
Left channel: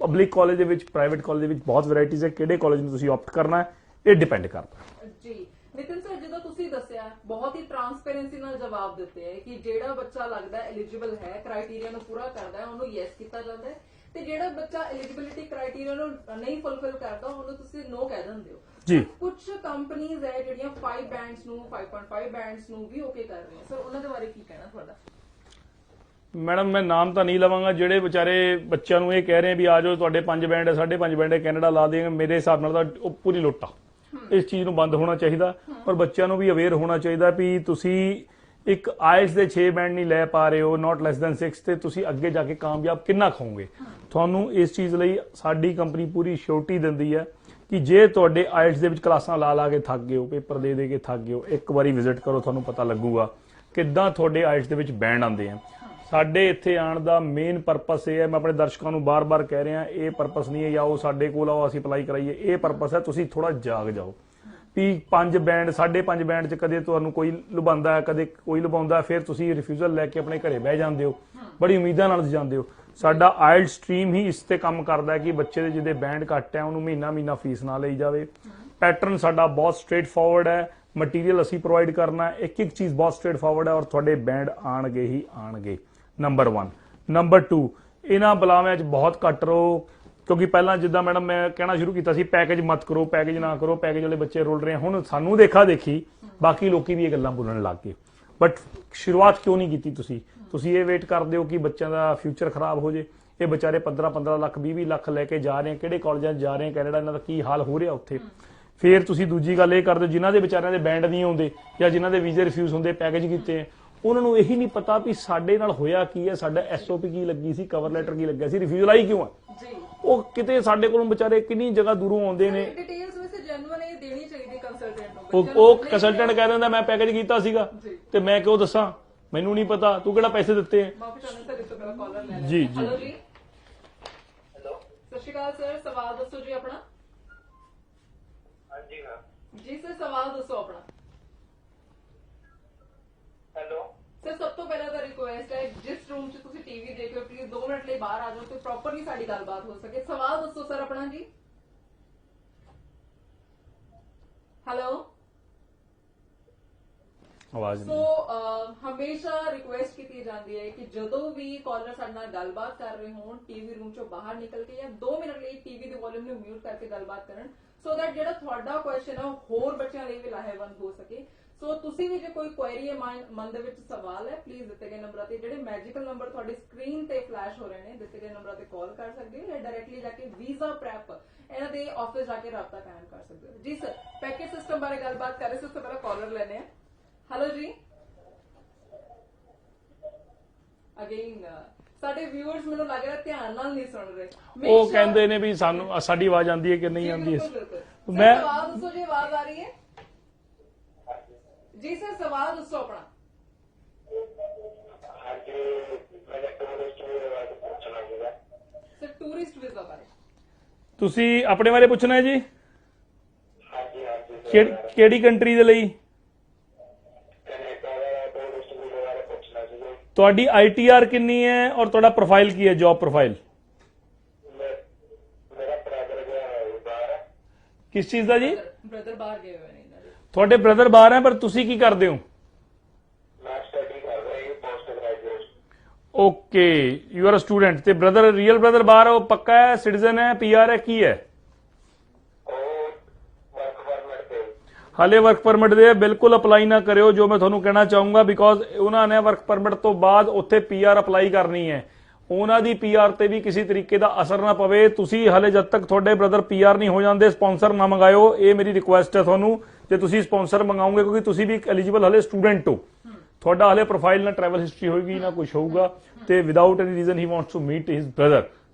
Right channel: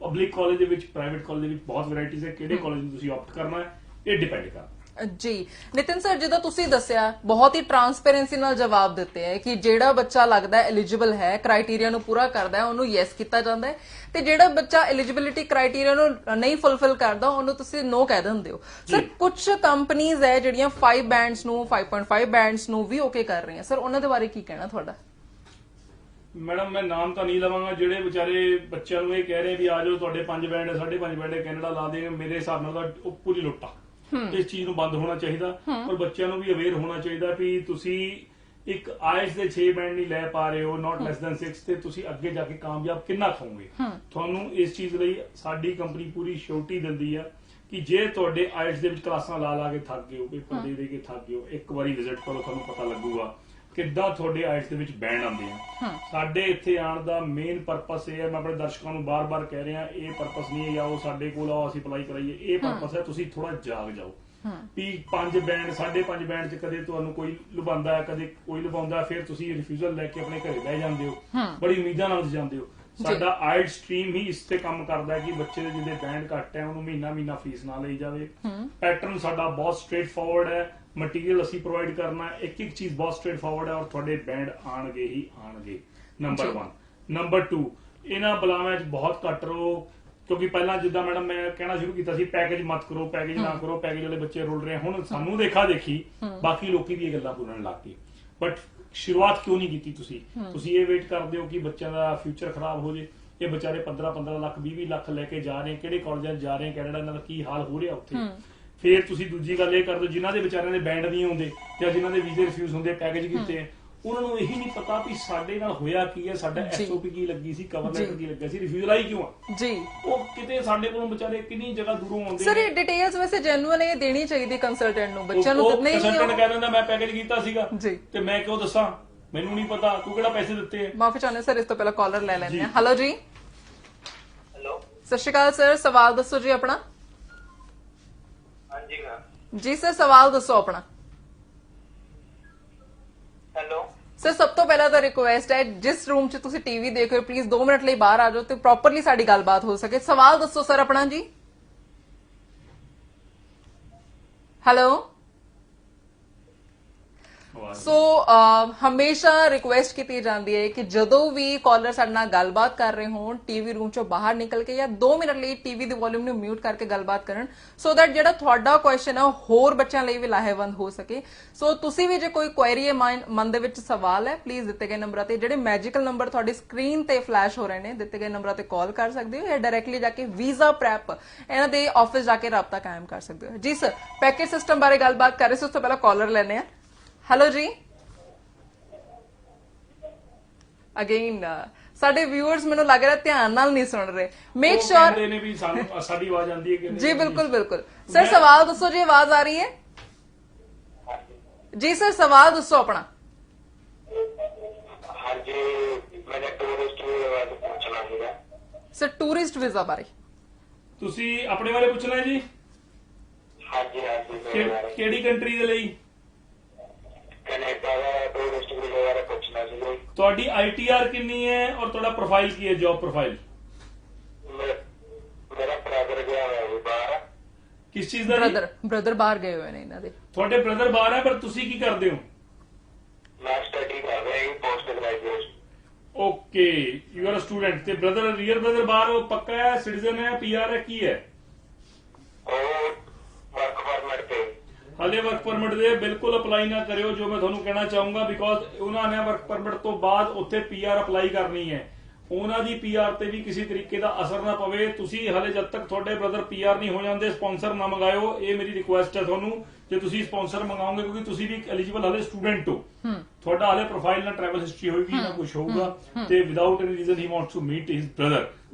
ਪਬਲਿਕ ਕਾਲਜ ਦੇ ਵਿੱਚ, ਪ੍ਰਾਈਵੇਟ ਕਾਲਜ ਦੇ ਵਿੱਚ ਬਹੁਤ ਵੈਰਾਈਟੀਜ਼ ਹੈ। ਕਿਹੜੇ ਕਾਲਜ ਨੂੰ ਤੁਸੀਂ ਆਪਟ ਕਰਨਾ ਹੈ ਇਹ ਡਿਪੈਂਡ ਕਰਦਾ। ਜੀ ਨਿਤਿਨ ਸਰ, ਜਿੱਦਾਂ ਤੁਸੀਂ ਦੱਸਿਆ ਬਹੁਤ ਹੀ ਟਰਾਂਸਪੇਰੈਂਸੀ ਨਾਲ ਜਵਾਬ ਦਿੱਤੇ ਹੈ ਕਿ ਜਿਹੜਾ ਬੱਚਾ ਲੱਗਦਾ ਹੈ ਐਲੀਜੀਬਲ ਹੈ, ਕ੍ਰਾਈਟੇਰੀਆ ਨੂੰ ਪੂਰਾ ਕਰਦਾ ਹੈ, ਉਹਨੂੰ ਯੈਸ ਕੀਤਾ ਜਾਂਦਾ ਹੈ, ਤੇ ਜਿਹੜਾ ਬੱਚਾ ਐਲੀਜੀਬਿਲਿਟੀ ਕ੍ਰਾਈਟੇਰੀਆ ਨੂੰ ਨਹੀਂ ਫੁੱਲਫਿਲ ਕਰਦਾ ਉਹਨੂੰ ਤੁਸੀਂ ਨੋ ਕਹਿ ਦਿੰਦੇ ਹੋ। ਸਰ ਕੁਝ ਕੰਪਨੀਆਂ ਹੈ ਜਿਹੜੀਆਂ 5 ਬੈਂਡਸ ਨੂੰ, 5.5 ਬੈਂਡਸ ਨੂੰ ਵੀ ਓਕੇ ਕਰ ਰਹੀਆਂ, ਸਰ ਉਹਨਾਂ ਦੇ ਬਾਰੇ ਕੀ ਕਹਿਣਾ ਤੁਹਾਡਾ? ਮੈਡਮ ਮੈਂ ਨਾਮ ਤਾਂ ਨਹੀਂ ਲਵਾਂਗਾ। ਜਿਹੜੇ ਵਿਚਾਰੇ ਬੱਚਿਆਂ ਨੂੰ ਇਹ ਕਹਿ ਰਹੇ ਵੀ ਆ ਜਾਓ ਤੁਹਾਡੇ 5 ਬੈਂਡ ਹੈ, 5.5 ਬੈਂਡ ਹੈ, ਕੈਨੇਡਾ ਲਾ ਦੇਗਾ, ਮੇਰੇ ਹਿਸਾਬ ਨਾਲ ਤਾਂ ਉਹ ਪੂਰੀ ਲੁੱਟ ਆ। ਇਸ ਚੀਜ਼ ਨੂੰ ਬੰਦ ਹੋਣਾ ਚਾਹੀਦਾ, ਪਰ ਬੱਚਿਆਂ ਨੂੰ ਵੀ ਅਵੇਅਰ ਹੋਣਾ ਚਾਹੀਦਾ ਵੀ ਤੁਸੀਂ ਇੱਕ ਆਇਲਸ ਦੇ 6 ਬੈਂਡ ਨਹੀਂ ਲੈ ਪਾ ਰਹੇ ਹੋ, ਨਾਟ ਲੈਸ ਦੈਨ 6, ਤੇ ਤੁਸੀਂ ਅੱਗੇ ਜਾ ਕੇ ਕਾਮਯਾਬ ਕਿੰਨਾ ਖਾਓਗੇ। ਤੁਹਾਨੂੰ ਇਸ ਚੀਜ਼ ਲਈ ਸਾਡੀ ਕੰਪਨੀ ਪੂਰੀ ਸ਼ੋਰਟੀ ਦਿੰਦੀ ਹੈ ਕਿ ਜੇ ਤੁਹਾਡੇ ਆਇਲਸ ਦੇ ਵਿੱਚ ਕਲਾਸਾਂ ਲਾ ਕੇ ਥੱਕ ਗਏ ਹੋ, ਪੇਪਰ ਦੇ ਕੇ ਥੱਕ ਗਏ ਹੋ, ਇੱਕ ਵਾਰੀ ਵਿਜ਼ਿਟ ਕਰੋ, ਤੁਹਾਨੂੰ ਪਤਾ ਲੱਗੂਗਾ ਕਿੱਦਾਂ ਤੁਹਾਡੇ ਆਇਲਸ ਦੇ ਵਿੱਚ ਬੈਂਡ ਆਉਂਦੇ ਆ। ਸਾਡੇ ਇੱਥੇ ਆਉਣ ਦਾ ਮੇਨ ਪਰਪਸ ਇਹ ਹੈ, ਮੈਂ ਆਪਣੇ ਦਰਸ਼ਕਾਂ ਨੂੰ ਬਾਰ-ਬਾਰ ਕਹਿ ਰਿਹਾ, ਇਹ ਪਰਪਸ ਨਹੀਂ ਹੈ ਜਾਂ ਉਹ ਸਾਡੇ ਕੋਲ ਆਓ ਅਸੀਂ ਅਪਲਾਈ ਕਰਾਈਏ। ਇਹ ਪਰਪਸ ਹੈ ਤੁਸੀਂ ਥੋੜਾ ਜਾਗ ਜਾਓ ਵੀ 5 ਬੈਂਡ, 5.5 ਬੈਂਡ 'ਚ ਕਦੇ ਤੁਹਾਨੂੰ ਕੋਈ ਲੁਭਾਉਂਦਾ, ਕਦੇ ਕੋਈ ਲੁਭਾਉਂਦਾ, ਫਿਰ ਤੁਸੀਂ ਰਿਫਿਊਜ਼ਲ ਲੈ ਕੇ ਆਪਣੇ ਘਰੇ ਬਹਿ ਜਾਂਦੇ ਹੋ, ਬੜੀ ਉਮੀਦਾਂ ਨਾਲ ਜਾਂਦੇ ਹੋ। ਸਾਡਾ ਆਇਲਟ ਸਟਰੀਮ ਹੀ ਇਸ ਤੇ ਕੰਮ ਕਰਦਾ ਹੈ ਕਿ ਬੱਚੇ ਦੇ ਜਿਹਦੇ ਬੈਂਡ ਘੱਟ ਹੈ ਉਹਨੂੰ ਮਹੀਨਾ ਮਹੀਨਾ ਫੀਸ ਨਾ ਲਈ ਜਾਵੇ। ਪੈਟਰਨ ਸਾਡਾ ਬਹੁਤ ਸਟ੍ਰੇਟ ਫਾਰਵਰਡ ਹੈ, ਮਟੀਰੀਅਲ ਅਸੀਂ ਪ੍ਰੋਵਾਈਡ ਕਰਨਾ ਹੈ, ਇੱਕ ਚੀਜ਼ ਬਹੁਤ ਸਟ੍ਰੇਟ ਫਾਰਵਰਡ ਹੈ ਔਰ ਤੁਹਾਡੇ ਬੈਂਡ ਆਣਗੇ ਹੀ ਆਣਗੇ। ਨੰਬਰ 1। ਨੰਬਰ 2, ਇਹਨਾਂ ਬੁਲਾਵਿਆਂ 'ਚ ਬਹੁਤ ਘੱਟ ਰਹੋ, ਕਿਉਂਕਿ ਪਹਿਲਾਂ ਜਿੱਦਾਂ ਮੈਡਮ ਮੈਂ ਕਹਿਣਾ ਸ਼ੁਰੂ ਕੀਤਾ ਸੀ ਪੈਕੇਜ ਮਤ ਕਰੋ, ਪੈਕੇਜ ਨਾ ਕਰੋ, ਪੈਕੇਜ ਵਾਲੇ ਬੱਚੇ ਰੁਲ ਰਹੇ। ਹੁਣ ਸਾਨੂੰ ਦੇਖਾ ਦੇਖੀ ਬਾਕੀ ਲੋਕੀ ਵੀ ਇਹ ਗੱਲਾਂ ਬੋਲਣ ਲੱਗ ਗਏ, ਬਟ ਸ਼ੁਰੂਆਤ ਕਿਉਂ ਨਹੀਂ ਕੀਤੀ ਤੁਸੀਂ? ਤੁਸੀਂ ਇਹ ਵੇਟ ਕਰਦੇ ਹੋ ਕਿ ਬੱਚਿਆਂ ਦਾ ਫਿਊਚਰ ਖਰਾਬ ਹੋ ਜੇ। ਇਹ ਵਿਚਾਰੇ 15 ਲੱਖ 20 ਲੱਖ ਲੈ ਕੇ ਜਾ ਰਹੇ, ਕਿਹੜੇ ਕਾਲਜਾਂ 'ਚ ਜਾ ਰਹੇ, ਕੈਨੇਡਾ ਇਹਨਾਂ ਦਾ ਕੀ ਹਾਲ ਹੋ ਰਿਹਾ ਉੱਥੇ। ਫਿਰ ਤੁਸੀਂ ਦੂਜੀ ਗੱਲ ਇਹ ਕਰਦੇ ਜਿਨ੍ਹਾਂ ਦੇ ਵਿਚਾਰਿਆਂ ਦੇ ਬੈਂਡ ਨਹੀਂ ਆਉਂਦੇ ਜਾਂ ਜਿਨ੍ਹਾਂ ਦੇ ਵੀਜ਼ੇ ਰਿਫਿਊਜ਼ ਹੁੰਦੇ, ਪੈਕੇਜ ਕੀਤੇ, ਉਹਨਾਂ ਨੂੰ ਇਹੀ ਨਹੀਂ ਪਤਾ ਵੀ ਸਾਡੇ ਨਾਲ ਹੋਇਆ ਕੀ ਹੈ, ਸਾਡਾ ਐਸਓਪੀ ਕੀ ਲੱਗੀ ਸੀ, ਕਵਰ ਲੈਟਰ ਕੀ ਲੱਗਿਆ ਸੀ, ਰਿਫਿਊਜ਼ਲ ਆਈ ਕਿਉਂ ਹੈ ਜੀ। ਉਹ ਕਿਤੇ ਸਾਡੇ ਕੋਲੋਂ ਵਿਚਾਰੇ ਕਿੰਨੀ ਜਗ੍ਹਾ ਦੂਰੋਂ ਆਉਂਦੇ ਸਰ ਨੇ। ਇਹ ਡਿਟੇਲਸ ਵੈਸੇ ਜੈਨੂਅਲ ਇਹ ਦੇਣੀ ਚਾਹੀਦੀ ਕੰਸਲਟੈਂਟ ਨੂੰ, ਬੱਚਿਆਂ ਨੂੰ ਉਹ ਨਹੀਂ ਕੰਸਲਟੈਂਟ ਕਹਿ ਦਿੰਦਾ ਮੈਂ ਪੈਕੇਜ ਕੀਤਾ ਸੀਗਾ ਜੀ। ਤੇ ਮੈਂ ਕਿਉਂ ਦੱਸਾਂ, ਮੈਨੂੰ ਨਹੀਂ ਪਤਾ, ਤੂੰ ਕਿਹੜਾ ਪੈਸੇ ਦਿੱਤੇ ਹੈ। ਮਾਫੀ ਚਾਹੁੰਦੇ ਸਰ, ਇਸ ਤੋਂ ਪਹਿਲਾਂ ਕਾਲਰ ਲੈ ਲੈਂਦੇ ਜੀ, ਹਾਂ। ਹੈਲੋ ਜੀ, हेलो। ਸਤਿ ਸ਼੍ਰੀ ਅਕਾਲ ਸਰ, ਸਵਾਲ ਦੱਸੋ ਜੀ ਆਪਣਾ। हाँ जी मैम। ਜੀ ਸਰ ਸਵਾਲ ਦੱਸੋ ਆਪਣਾ। हेलो। ਸਰ ਸਭ ਤੋਂ ਪਹਿਲਾਂ ਤਾਂ ਰਿਕੁਐਸਟ ਹੈ, ਜਿਸ ਰੂਮ 'ਚ ਤੁਸੀਂ ਟੀਵੀ ਦੇਖ ਰਹੇ ਹੋ ਪਲੀਜ਼ 2 ਮਿੰਟ ਲਈ ਬਾਹਰ ਆ ਜਾਓ ਤੇ ਪ੍ਰੋਪਰਲੀ ਸਾਡੀ ਗੱਲਬਾਤ ਹੋ ਸਕੇ। ਸਵਾਲ ਦੱਸੋ ਸਰ ਆਪਣਾ ਜੀ। ਹੈਲੋ। ਆਵਾਜ਼ ਸੋ ਹਮੇਸ਼ਾ ਰਿਕੁਐਸਟ ਕੀਤੀ ਜਾਂਦੀ ਹੈ ਕਿ ਜਦੋਂ ਵੀ ਕਾਲਰ ਸਾਡੇ ਨਾਲ ਗੱਲਬਾਤ ਕਰ ਰਹੇ ਹੋਣ ਟੀਵੀ ਰੂਮ ਚੋਂ ਬਾਹਰ ਨਿਕਲ ਕੇ ਜਾਂ 2 ਮਿੰਟ ਲਈ ਟੀਵੀ ਦੀ ਵੋਲਿਊਮ ਨੂੰ ਮਿਊਟ ਕਰਕੇ ਗੱਲਬਾਤ ਕਰਨ, ਸੋ ਦੈਟ ਜਿਹੜਾ ਤੁਹਾਡਾ ਕੁਐਸਚਨ ਹੈ ਉਹ ਹੋਰ ਬੱਚਿਆਂ ਲਈ ਵੀ ਲਾਹੇਵੰਦ ਹੋ ਸਕੇ। ਸੋ ਤੁਸੀਂ ਵੀ ਜੇ ਕੋਈ ਕੁਐਰੀ ਹੈ, ਮਨ ਦੇ ਵਿੱਚ ਸਵਾਲ ਹੈ, ਪਲੀਜ਼ ਦਿੱਤੇ ਗਏ ਨੰਬਰਾਂ ਤੇ, ਜਿਹੜੇ ਮੈਜੀਕਲ ਨੰਬਰ ਤੁਹਾਡੀ ਸਕਰੀਨ ਤੇ ਫਲੈਸ਼ ਹੋ ਰਹੇ ਨੇ, ਦਿੱਤੇ ਗਏ ਨੰਬਰਾਂ ਤੇ ਕਾਲ ਕਰ ਸਕਦੇ ਹੋ ਜਾਂ ਡਾਇਰੈਕਟਲੀ ਜਾ ਕੇ ਵੀਜ਼ਾ ਪ੍ਰੈਪ ਇਹਨਾਂ ਦੇ ਆਫਿਸ ਜਾ ਕੇ ਰਾਬਤਾ ਕਾਇਮ ਕਰ ਸਕਦੇ ਹੋ। ਜੀ ਸਰ, ਪੈਕੇਜ ਸਿਸਟਮ ਬਾਰੇ ਗੱਲਬਾਤ ਕਰ ਰਹੇ ਸੀ, ਉਸ ਤੋਂ ਪਹਿਲਾਂ ਕਾਲਰ ਲੈਣੇ ਆ। ਹੈਲੋ ਜੀ। ਅਗੇਨ ਸਾਡੇ ਵਿਊਅਰਸ ਮੈਨੂੰ ਲੱਗ ਰਿਹਾ ਧਿਆਨ ਨਾਲ ਨਹੀਂ ਸੁਣ ਰਹੇ। ਮੇਕ ਉਹ ਸ਼ੋਰ ਕਹਿੰਦੇ ਨੇ ਵੀ ਸਾਨੂੰ ਸਾਡੀ ਆਵਾਜ਼ ਆਉਂਦੀ ਹੈ ਕਿ ਨਹੀਂ ਜੀ। ਆਉਂਦੀ ਹੈ। ਬਿਲਕੁਲ ਬਿਲकुल ਸਰ, ਸਵਾਲ ਦੱਸੋ ਜੀ, ਆਵਾਜ਼ ਆ ਰਹੀ ਹੈ ਜੀ। ਸਰ ਸਵਾਲ ਦੱਸੋ ਆਪਣਾ। हाँ जी, मैंने टूरिस्ट वीजा पूछना है। ਸਰ ਟੂਰਿਸਟ ਵੀਜ਼ਾ ਬਾਰੇ ਤੁਸੀਂ ਆਪਣੇ ਬਾਰੇ ਪੁੱਛਣਾ ਹੈ ਜੀ। हाँ जी हाँ जी। ਕਿਹੜੀ ਕੰਟਰੀ ਦੇ ਲਈ? कनेडा का टूरिस्ट वीजा बारे पूछना है। ਤੁਹਾਡੀ ਆਈਟੀਆਰ ਕਿੰਨੀ ਹੈ ਔਰ ਤੁਹਾਡਾ ਪ੍ਰੋਫਾਈਲ ਕੀ ਹੈ, ਜੌਬ ਪ੍ਰੋਫਾਈਲ मेरा ब्रदर गया है बाहर। ਕਿਸ ਚੀਜ਼ ਦਾ ਜੀ? ਬ੍ਰਦਰ ਬਾਹਰ ਗਏ ਹੋਏ ਨੇ ਇਹਨਾਂ ਦੇ। ਤੁਹਾਡੇ ਬ੍ਰਦਰ ਬਾਹਰ ਹੈ, ਪਰ ਤੁਸੀਂ ਕੀ ਕਰਦੇ ਹੋ? मैं स्टडी कर रहा हूँ post graduation. Okay, you are a student. ਤੇ ਬ੍ਰਦਰ, ਰੀਅਲ ਬ੍ਰਦਰ ਬਾਹਰ ਹੈ, ਉਹ ਪੱਕਾ ਹੈ, ਸਿਟੀਜ਼ਨ ਹੈ, ਪੀਆਰ ਹੈ, ਕੀ ਹੈ? और वर्क परमिट पे। ਹਾਲੇ ਵਰਕ ਪਰਮਿਟ ਦੇ ਬਿਲਕੁਲ ਅਪਲਾਈ ਨਾ ਕਰਿਓ, ਜੋ ਮੈਂ ਤੁਹਾਨੂੰ ਕਹਿਣਾ ਚਾਹੂੰਗਾ, ਬਿਕੋਜ਼ ਉਹਨਾਂ ਨੇ ਵਰਕ ਪਰਮਿਟ ਤੋਂ ਬਾਅਦ ਉੱਥੇ ਪੀਆਰ ਅਪਲਾਈ ਕਰਨੀ ਹੈ। ਉਹਨਾਂ ਦੀ ਪੀਆਰ ਤੇ ਵੀ ਕਿਸੇ ਤਰੀਕੇ ਦਾ ਅਸਰ ਨਾ ਪਵੇ। ਤੁਸੀਂ ਹਾਲੇ ਜਦ ਤੱਕ ਤੁਹਾਡੇ ਬ੍ਰਦਰ ਪੀਆਰ ਨਹੀਂ ਹੋ ਜਾਂਦੇ ਸਪਾਂਸਰ ਨਾ ਮੰਗਾਇਓ, ਇਹ ਮੇਰੀ ਰਿਕੁਐਸਟ ਹੈ ਤੁਹਾਨੂੰ। ਜੇ ਤੁਸੀਂ ਸਪਾਂਸਰ ਮੰਗਾਓਗੇ, ਕਿਉਂਕਿ ਤੁਸੀਂ ਵੀ ਐਲੀਜੀਬਲ ਹਲੇ ਸਟੂਡੈਂਟ ਹੋ, ਤੁਹਾਡਾ ਹਲੇ ਪ੍ਰੋਫਾਈਲ ਨਾ ਟਰੈਵਲ ਹਿਸਟਰੀ ਹੋਏਗੀ ਨਾ ਕੁਝ ਹੋਊਗਾ, ਤੇ ਵਿਦਆਊਟ ਐਨੀ ਰੀਜ਼ਨ ਹੀ wants to meet his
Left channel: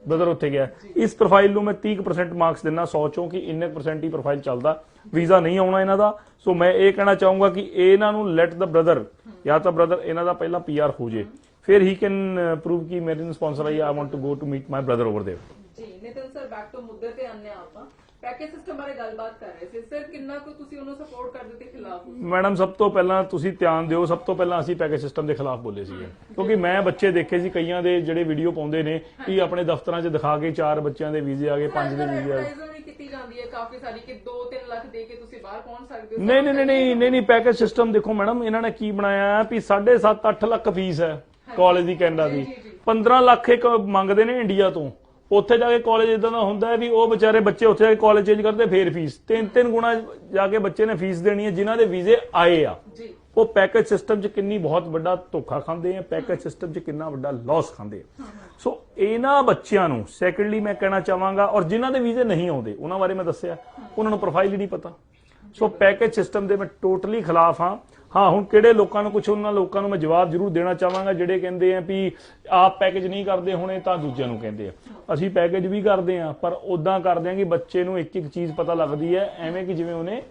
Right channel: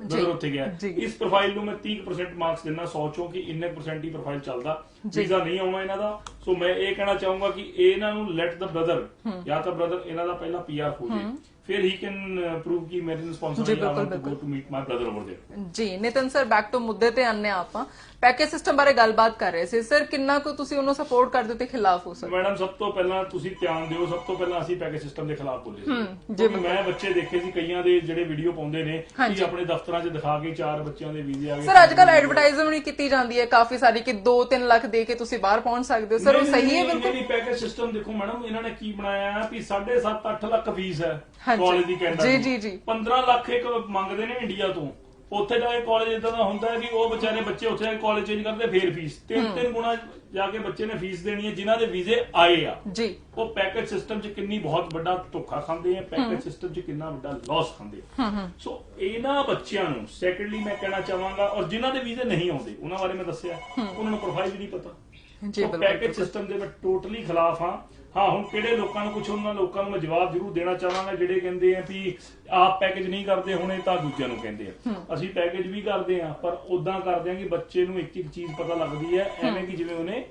brother ਉੱਥੇ ਗਿਆ। ਇਸ ਪ੍ਰੋਫਾਈਲ ਨੂੰ ਮੈਂ 30% ਮਾਰਕਸ ਦਿੰਨਾ 100 ਚੋਂ ਕਿ ਇੰਨੇ % ਹੀ ਪ੍ਰੋਫਾਈਲ ਚੱਲਦਾ, ਵੀਜ਼ਾ ਨਹੀਂ ਆਉਣਾ ਇਹਨਾਂ ਦਾ। ਸੋ ਮੈਂ ਇਹ ਕਹਿਣਾ ਚਾਹੂੰਗਾ ਕਿ ਇਹਨਾਂ ਨੂੰ ਲੈਟ ਦਾ ਬ੍ਰਦਰ, ਜਾਂ ਤਾਂ ਬ੍ਰਦਰ ਇਹਨਾਂ ਦਾ ਪਹਿਲਾਂ ਪੀਆਰ ਹੋ ਜੇ, ਫਿਰ ਹੀ ਕੈਨ ਪ੍ਰੂਵ ਕਿ ਮੇਰੇ sponsor I want to go to meet my brother over there. ਜੀ ਨਿਤਨ ਸਰ, ਬੈਕ ਟੂ ਮੁੱਦੇ ਤੇ ਆਨੇ ਆਪਾਂ। ਪੈਕੇਜ ਸਿਸਟਮ ਬਾਰੇ ਗੱਲਬਾਤ ਕਰ ਰਹੇ ਸੀ ਸਰ, ਕਿੰਨਾ ਕੁ ਤੁਸੀਂ ਉਹਨੂੰ ਸਪੋਰਟ ਕਰਦੇ ਤੇ ਖਿਲਾਫ ਹੋ ਸਕਦੇ? ਮੈਡਮ ਸਭ ਤੋਂ ਪਹਿਲਾਂ ਤੁਸੀਂ ਧਿਆਨ ਦਿਓ, ਸਭ ਤੋਂ ਪਹਿਲਾਂ ਅਸੀਂ ਪੈਕੇਜ ਸਿਸਟਮ ਦੇ ਖਿਲਾਫ ਬੋਲੇ ਸੀ, ਕਿਉਂਕਿ ਮੈਂ ਬੱਚੇ ਦੇਖੇ ਸੀ ਕਈਆਂ ਦੇ ਜਿਹੜੇ ਵੀਡੀਓ ਪਾਉਂਦੇ ਨੇ ਕਿ ਆਪਣੇ ਦਫ਼ਤਰਾਂ 'ਚ ਦਿਖਾ ਕੇ 4 ਬੱਚਿਆਂ ਦੇ ਵੀਜ਼ੇ ਆ ਗਏ। ਸਰ ਅੱਜ ਕੱਲ ਐਡਵਰਟਾਈਜ਼ਮੈਂਟ ਕੀਤੀ ਜਾਂਦੀ ਹੈ ਕਾਫੀ ਸਾਰੀ ਕਿ 2-3 ਲੱਖ ਦੇ ਕੇ ਤੁਸੀਂ ਬਾਹਰ ਪਹੁੰਚ ਸਕਦੇ ਹੋ। ਸਰ ਉਹ ਸਹੀ ਹੈ? ਨਹੀਂ, ਪੈਕੇਜ ਸਿਸਟਮ ਦੇਖੋ ਮੈਡਮ, ਇਹਨਾਂ ਨੇ ਕੀ ਬਣਾਇਆ ਹੈ ਵੀ 7.5-8 ਲੱਖ ਫੀਸ ਹੈ ਕਾਲਜ ਦੀ ਕੈਨੇਡਾ ਦੀ, 15 ਲੱਖ ਇੱਕ ਮੰਗਦੇ ਨੇ ਇੰਡੀਆ ਤੋਂ। ਉੱਥੇ ਜਾ ਕੇ ਕਾਲਜ ਇਦਾਂ ਦਾ ਹੁੰਦਾ ਹੈ ਵੀ ਉਹ ਵਿਚਾਰੇ ਬੱਚੇ ਉੱਥੇ ਜਾ ਕੇ ਕਾਲਜ ਚੇਂਜ ਕਰਦੇ, ਫੇਰ ਫੀਸ 3-3 ਗੁਣਾ ਜਾ ਕੇ ਬੱਚੇ ਨੇ ਫੀਸ ਦੇਣੀ ਹੈ ਜਿਨ੍ਹਾਂ ਦੇ ਵੀਜ਼ੇ ਆਏ ਆ ਜੀ। ਉਹ ਪੈਕੇਜ ਸਿਸਟਮ 'ਚ ਕਿੰਨੀ ਬਹੁਤ ਵੱਡਾ ਧੋਖਾ ਖਾਂਦੇ ਆ, ਪੈਕੇਜ ਸਿਸਟਮ 'ਚ ਕਿੰਨਾ ਵੱਡਾ ਲਾਸ ਖਾਂਦੇ ਆ। ਸੋ ਇਹਨਾਂ ਬੱਚਿਆਂ ਨੂੰ ਸੈਕੰਡਲੀ ਮੈਂ ਕਹਿਣਾ ਚਾਹਾਂਗਾ, ਔਰ ਜਿਨ੍ਹਾਂ ਦੇ ਵੀਜ਼ੇ ਨਹੀਂ ਆਉਂਦੇ ਉਹਨਾਂ ਬਾਰੇ ਮੈਂ ਦੱਸਿਆ, ਉਹਨਾਂ ਨੂੰ ਪ੍ਰੋਫਾਈਲ ਹੀ ਨਹੀਂ ਪਤਾ। ਸੋ ਪੈਕੇਜ ਸਿਸਟਮ ਦੇ ਮੈਂ ਟੋਟਲੀ ਖਿਲਾਫ ਹਾਂ। ਹਾਂ, ਹੁਣ ਕਿਹੜੇ ਲੋਕਾਂ ਨੂੰ ਕੁਝ, ਉਹਨਾਂ ਲੋਕਾਂ ਨੂੰ ਮੈਂ ਜਵਾਬ ਜ਼ਰੂਰ ਦੇਣਾ ਚਾਹਾਂਗਾ ਜਿਹੜੇ ਕਹਿੰਦੇ ਆ ਵੀ ਆਪ ਪੈਕੇਜ ਨਹੀਂ ਕਰਦੇ ਹੁਣੇ ਤਾਂ ਦੂਜਿਆਂ ਨੂੰ ਕਹਿੰਦੇ ਆ। ਅਸੀਂ ਪੈਕੇਜ ਵੀ ਕਰਦੇ ਆ, ਪਰ ਉਦਾਂ ਕਰਦੇ ਆ ਕਿ ਬੱਚੇ ਨੂੰ ਇੱਕ ਇੱਕ ਚੀਜ਼ ਪਤਾ ਲੱਗਦੀ ਹੈ, ਐਵੇਂ ਕਿ ਜਿਵੇਂ ਉਹਨੇ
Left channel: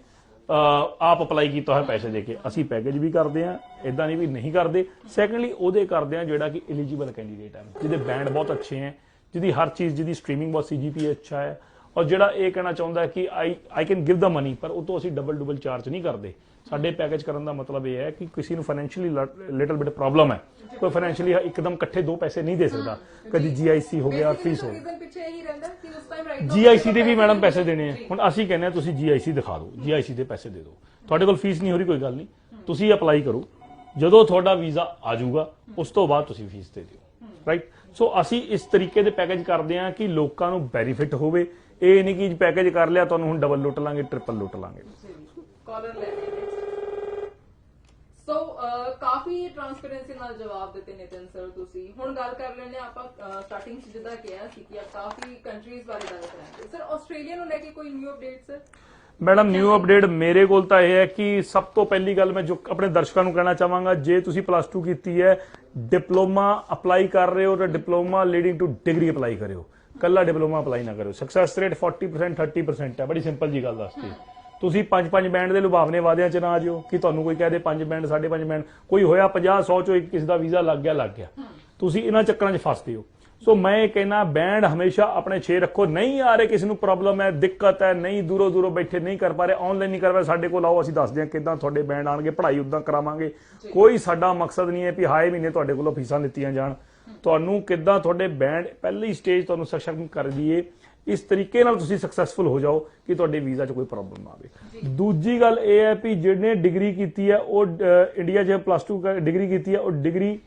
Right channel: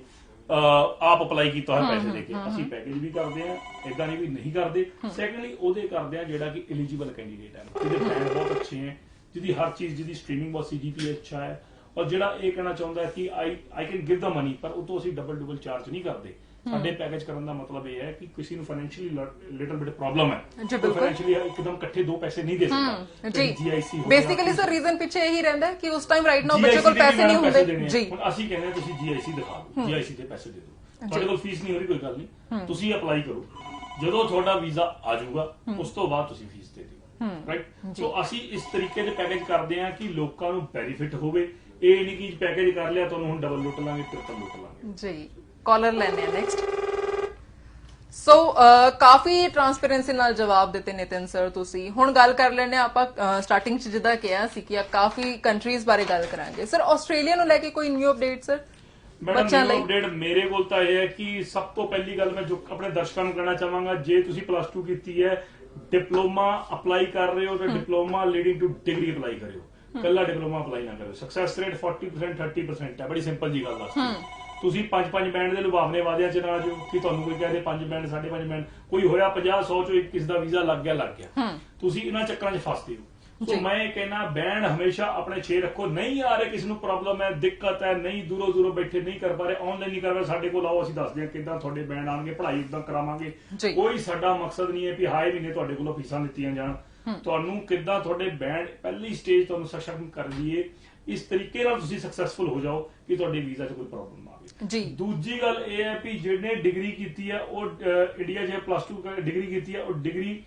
ਆਪ ਅਪਲਾਈ ਕੀਤਾ ਹੋਇਆ ਪੈਸੇ ਦੇ ਕੇ। ਅਸੀਂ ਪੈਕੇਜ ਵੀ ਕਰਦੇ ਆ, ਇਦਾਂ ਨਹੀਂ ਵੀ ਨਹੀਂ ਕਰਦੇ। ਸੈਕੰਡਲੀ ਉਹਦੇ ਕਰਦੇ ਆ ਜਿਹੜਾ ਕਿ ਐਲੀਜੀਬਲ ਕੈਂਡੀਡੇਟ ਹੈ, ਜਿਹਦੇ ਬੈਂਡ ਬਹੁਤ ਅੱਛੇ ਹੈ, ਜਿਹਦੀ ਹਰ ਚੀਜ਼, ਜਿਹਦੀ ਸਟ੍ਰੀਮਿੰਗ ਬਹੁਤ CGPA ਅੱਛਾ ਹੈ, ਔਰ ਜਿਹੜਾ ਇਹ ਕਹਿਣਾ ਚਾਹੁੰਦਾ ਹੈ ਕਿ I can give the money, ਪਰ ਉਹ ਤੋਂ ਅਸੀਂ ਡਬਲ ਚਾਰਜ ਨਹੀਂ ਕਰਦੇ। ਸਾਡੇ ਪੈਕੇਜ ਕਰਨ ਦਾ ਮਤਲਬ ਇਹ ਹੈ ਕਿ ਕਿਸੇ ਨੂੰ ਫਾਈਨੈਂਸ਼ੀਅਲੀ ਲਿਟਲ ਬਿਟ ਪ੍ਰੋਬਲਮ ਹੈ, ਕੋਈ ਫਾਈਨੈਂਸ਼ੀਅਲੀ ਇੱਕਦਮ ਇਕੱਠੇ 2 ਪੈਸੇ ਨਹੀਂ ਦੇ ਸਕਦਾ। ਕਦੀ GIC ਹੋ ਗਿਆ, ਬੇਸਿਕਲੀ ਸਰ ਰੀਜ਼ਨ ਪਿੱਛੇ ਇਹੀ ਰਹਿੰਦਾ ਕਿ ਉਸ ਟਾਈਮ ਰਾਈਟ ਨਾਓ GIC ਦੇ ਵੀ ਮੈਡਮ ਪੈਸੇ ਦੇਣੇ ਆ। ਹੁਣ ਅਸੀਂ ਕਹਿੰਦੇ ਆ ਤੁਸੀਂ GIC ਦਿਖਾ ਦਿਓ, GIC ਦੇ ਪੈਸੇ ਦੇ ਦਿਓ, ਤੁਹਾਡੇ ਕੋਲ ਫੀਸ ਨਹੀਂ ਹੋ ਰਹੀ, ਕੋਈ ਗੱਲ ਨਹੀਂ, ਤੁਸੀਂ ਅਪਲਾਈ ਕਰੋ, ਜਦੋਂ ਤੁਹਾਡਾ ਵੀਜ਼ਾ ਆ ਜਾਊਗਾ ਉਸ ਤੋਂ ਬਾਅਦ ਤੁਸੀਂ ਫੀਸ ਦੇ ਦਿਓ, ਰਾਈਟ। ਸੋ ਅਸੀਂ ਇਸ ਤਰੀਕੇ ਦੇ ਪੈਕੇਜ ਕਰਦੇ ਆ ਕਿ ਲੋਕਾਂ ਨੂੰ ਬੈਨੀਫਿਟ ਹੋਵੇ। ਇਹ ਨਹੀਂ ਕਿ ਪੈਕੇਜ ਕਰ ਲਿਆ ਤੁਹਾਨੂੰ ਹੁਣ ਡਬਲ ਲੁੱਟ ਲਾਂਗੇ, ਟ੍ਰਿਪਲ ਲੁੱਟ ਲਾਂਗੇ ਜੀ। ਕਾਲਰ ਲੈਣੇ ਆ ਨੈਕਸਟ। ਸੋ ਕਾਫੀ ਟ੍ਰਾਂਸਪੇਰੈਂਸੀ ਨਾਲ ਜਵਾਬ ਦਿੱਤੇ ਨਿਤਿਨ ਸਰ ਤੁਸੀਂ। ਹੁਣ ਗੱਲ ਕਰ ਲੈਣੇ ਆਪਾਂ ਸਟਾਰਟਿੰਗ 'ਚ ਜਿੱਦਾਂ ਕਿਹਾ ਸੀ ਕਿ ਕਾਫੀ ਕੰਟਰੀਜ਼ ਬਾਰੇ ਗੱਲ ਕਰਾਂਗੇ। ਸਰ ਆਸਟ੍ਰੇਲੀਆ ਨੂੰ ਲੈ ਕੇ ਕੋਈ ਨਿਊ ਅਪਡੇਟ? ਸਰ ਮੈਡਮ ਬੱਚਿਆਂ ਨਿਊ ਲਈ? ਅਪਡੇਟ ਮੇਰੇ ਕੋਲ ਤਾਂ ਇਹ ਹੈ ਕਿ ਸਭ ਤੋਂ ਪਹਿਲੀ ਗੱਲ ਮੈਂ ਜੋ ਆਪਣੇ ਦਰਸ਼ਕਾਂ ਨੂੰ ਕਹਿਣਾ ਚਾਹਾਂਗਾ, ਜੇ ਤੁਸੀਂ ਪਲੱਸ 2 ਕੀਤੀ ਹੈ, ਡਿਪਲੋਮਾ ਅਪਲਾਈ ਕਰ ਰਹੇ ਹੋ ਤਾਂ diploma leading to degree apply ਕਰਿਓ, ਕੱਲਾ ਡਿਪਲੋਮਾ ਅਪਲਾਈ ਨਾ ਕਰਿਓ। ਸਕਸੈਸ ਰੇਟ 40% 30% ਹੈ, ਬੜੀ ਸਿੰਪਲ ਜੀ ਗੱਲ ਦੱਸਦੀ। ਤੁਸੀਂ 5 ਬੈਂਡ ਦੇ ਲੁਭਾਵਨੇ ਵਾਅਦਿਆਂ 'ਚ ਨਾ ਆ ਜਾਓ ਕਿ ਤੁਹਾਨੂੰ ਕੋਈ ਕਹਿ ਦੇ 5 ਬੈਂਡ 5.5 ਬੈਂਡ, ਕੋਈ ਹੋਇਆ 50 100 ਚੋਂ ਇੱਕ ਕਿਸੇ ਦਾ ਵੀਜ਼ਾ ਲੱਗ ਗਿਆ। ਤੁਸੀਂ ਇਹਨਾਂ ਚੱਕਰਾਂ 'ਚ ਫਸਦੇ ਹੋ। ਸੋ ਮੈਂ ਇਹ ਕਹਿਣਾ ਬੈਂਡ ਹਮੇਸ਼ਾ ਆਪਣੇ 6 ਰੱਖੋ। ਨਹੀਂ ਆ ਰਹੇ ਕਿਸੇ ਨੂੰ ਪ੍ਰੋਬਲਮ ਹੈ, ਦਿੱਕਤ ਹੈ, ਨਹੀਂ ਦੂਰੋਂ ਬੈਠੇ ਨਹੀਂ ਕਰ ਪਾ ਰਹੇ, ਆਨਲਾਈਨ ਨਹੀਂ ਕਰ ਪਾ ਰਹੇ, ਸਾਡੇ ਕੋਲ ਆਓ, ਅਸੀਂ ਦੱਸਦੇ ਹਾਂ ਕਿੱਦਾਂ ਤੁਹਾਡੇ ਬੈਂਡ ਆਣਗੇ, ਪੜ੍ਹਾਈ ਉਦਾਂ ਕਰਾਵਾਂਗੇ। ਕੋਈ ਸਾਡਾ ਮਕਸਦ ਨਹੀਂ ਹੈ ਕਿ ਹਾਏ ਮਹੀਨੇ ਤੁਹਾਡੇ ਕੋਲੋਂ ਫੀਸਾਂ ਲਿੱਤੀਆਂ ਜਾਣ। ਤੁਹਾਨੂੰ ਕਿੱਦਾਂ ਤੁਹਾਡੇ ਬੈਂਡ ਪਹਿਲੀ ਸਟੇਜ ਤੁਹਾਨੂੰ ਸਸ਼ਕਤ ਕਰ ਦਈਏ, ਇਸ ਤਰੀਕੇ ਨਾਲ ਤੁਸੀਂ ਸਕਸੈਸਫੁਲ ਹੋ ਜਾਓ ਕਿ ਤੁਹਾਡੇ ਵੀਜ਼ਾ 'ਚ ਕੋਈ ਪ੍ਰੋਬਲਮ ਨਾ ਆਵੇ। ਦੂਜੀ ਗੱਲ ਇਹ ਹੈ ਕਿ ਜਿਹਨੇ ਡਿਗਰੀ ਕੀਤੀ ਹੈ ਉਹ ਇੰਡੀਆ 'ਚ ਪਲੱਸ 2 ਡਿਗਰੀ ਕੀਤੀ ਹੈ, ਉਹ ਡਿਗਰੀ